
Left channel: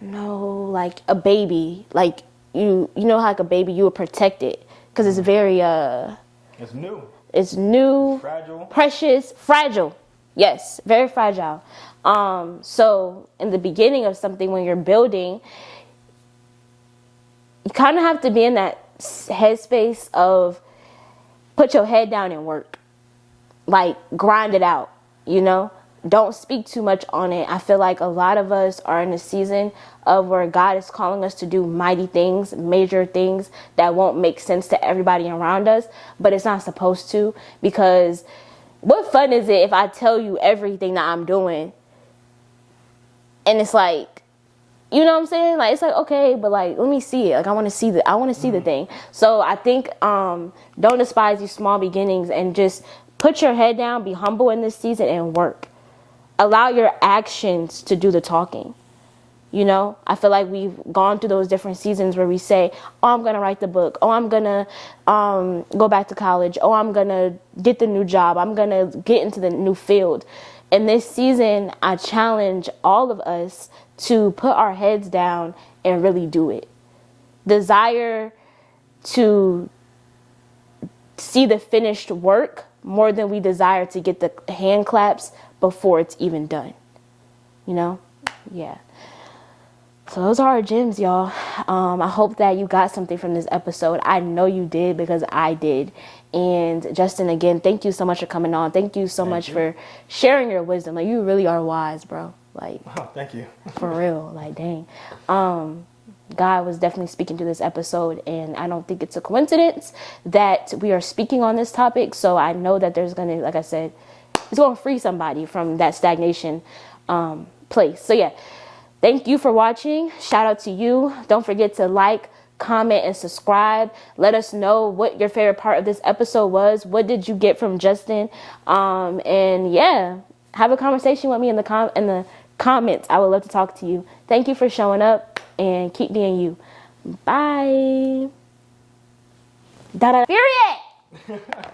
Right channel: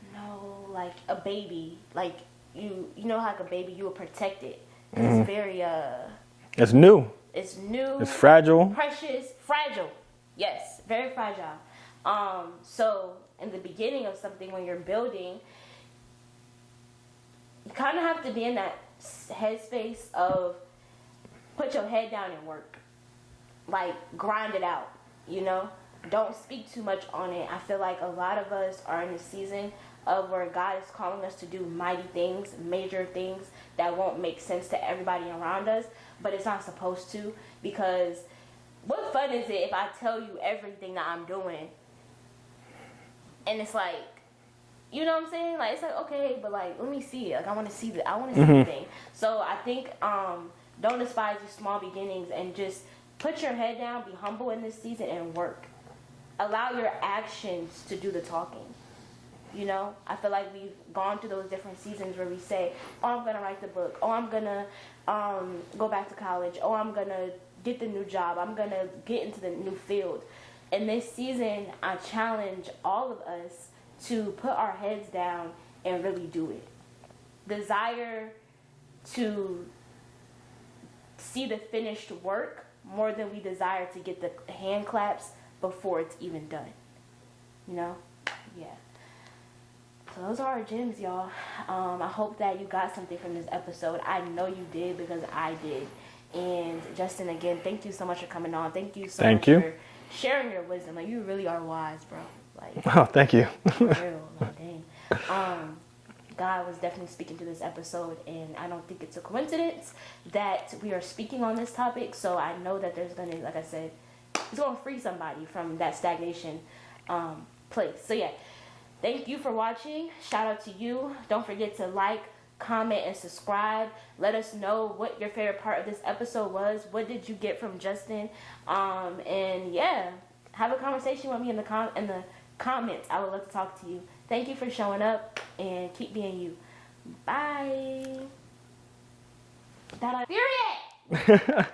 No, like a baby. Like, you know how like a baby, you would protect it. Because it's very, It's new. It's new. It's fragile. Precious. Fragile. Yes. Very fragile. So in the beginning of something, when you're building, you kind of have to be in that headspace of put your head down and work. Like, grind it out, don't speak too much on it. I feel like a lot of us are in a season of where God is calling us to do mighty things, major things that won't make sense to everybody around us, but it's not supposed to, because what fun is it if I tell you everything that I'm doing and it's like, you know what I'm saying? Like, it's like, okay, but like, let me see it. Like, I want to see the thing. So I think, don't despise these small beginnings, and just put your head down, be humble in this season, and work. Allow your actions to do the talking. You know, I feel like we've gone through those different seasons where we say, oh, I'm going to write the book. Oh, I'm going to go back to college. Oh, I'm going to get the new job. I'm going to get into the new field. In this season, I challenge all of us to put our heads down and really do it. Desire to see the finished work more than we desire to get the hand claps before it's even done. You know? Yeah. So those are our gems, y'all. I hope that you got something from this episode. I know you did, because I did. And Justin, again, thank you so much for coming on. Thank you so much for sharing your wisdom. Like, you really are wise, bro. Like, oh, thank you. For real. Like, dang. God was definitely speaking to this episode, and I don't think it's a coincidence that we are speaking on this topic. So I know that there's going to, like I said, it's going to free somebody from that stagnation place. So yeah, thank you for watching. Shout out to you. Don't forget to like, comment, and subscribe. Let us know what your favorite part of this episode was. What did you get from Justin? And yeah, have a conversation with me in the comments. I would love to talk to you. Thank you for showing up, and keep being you. Bye. Period.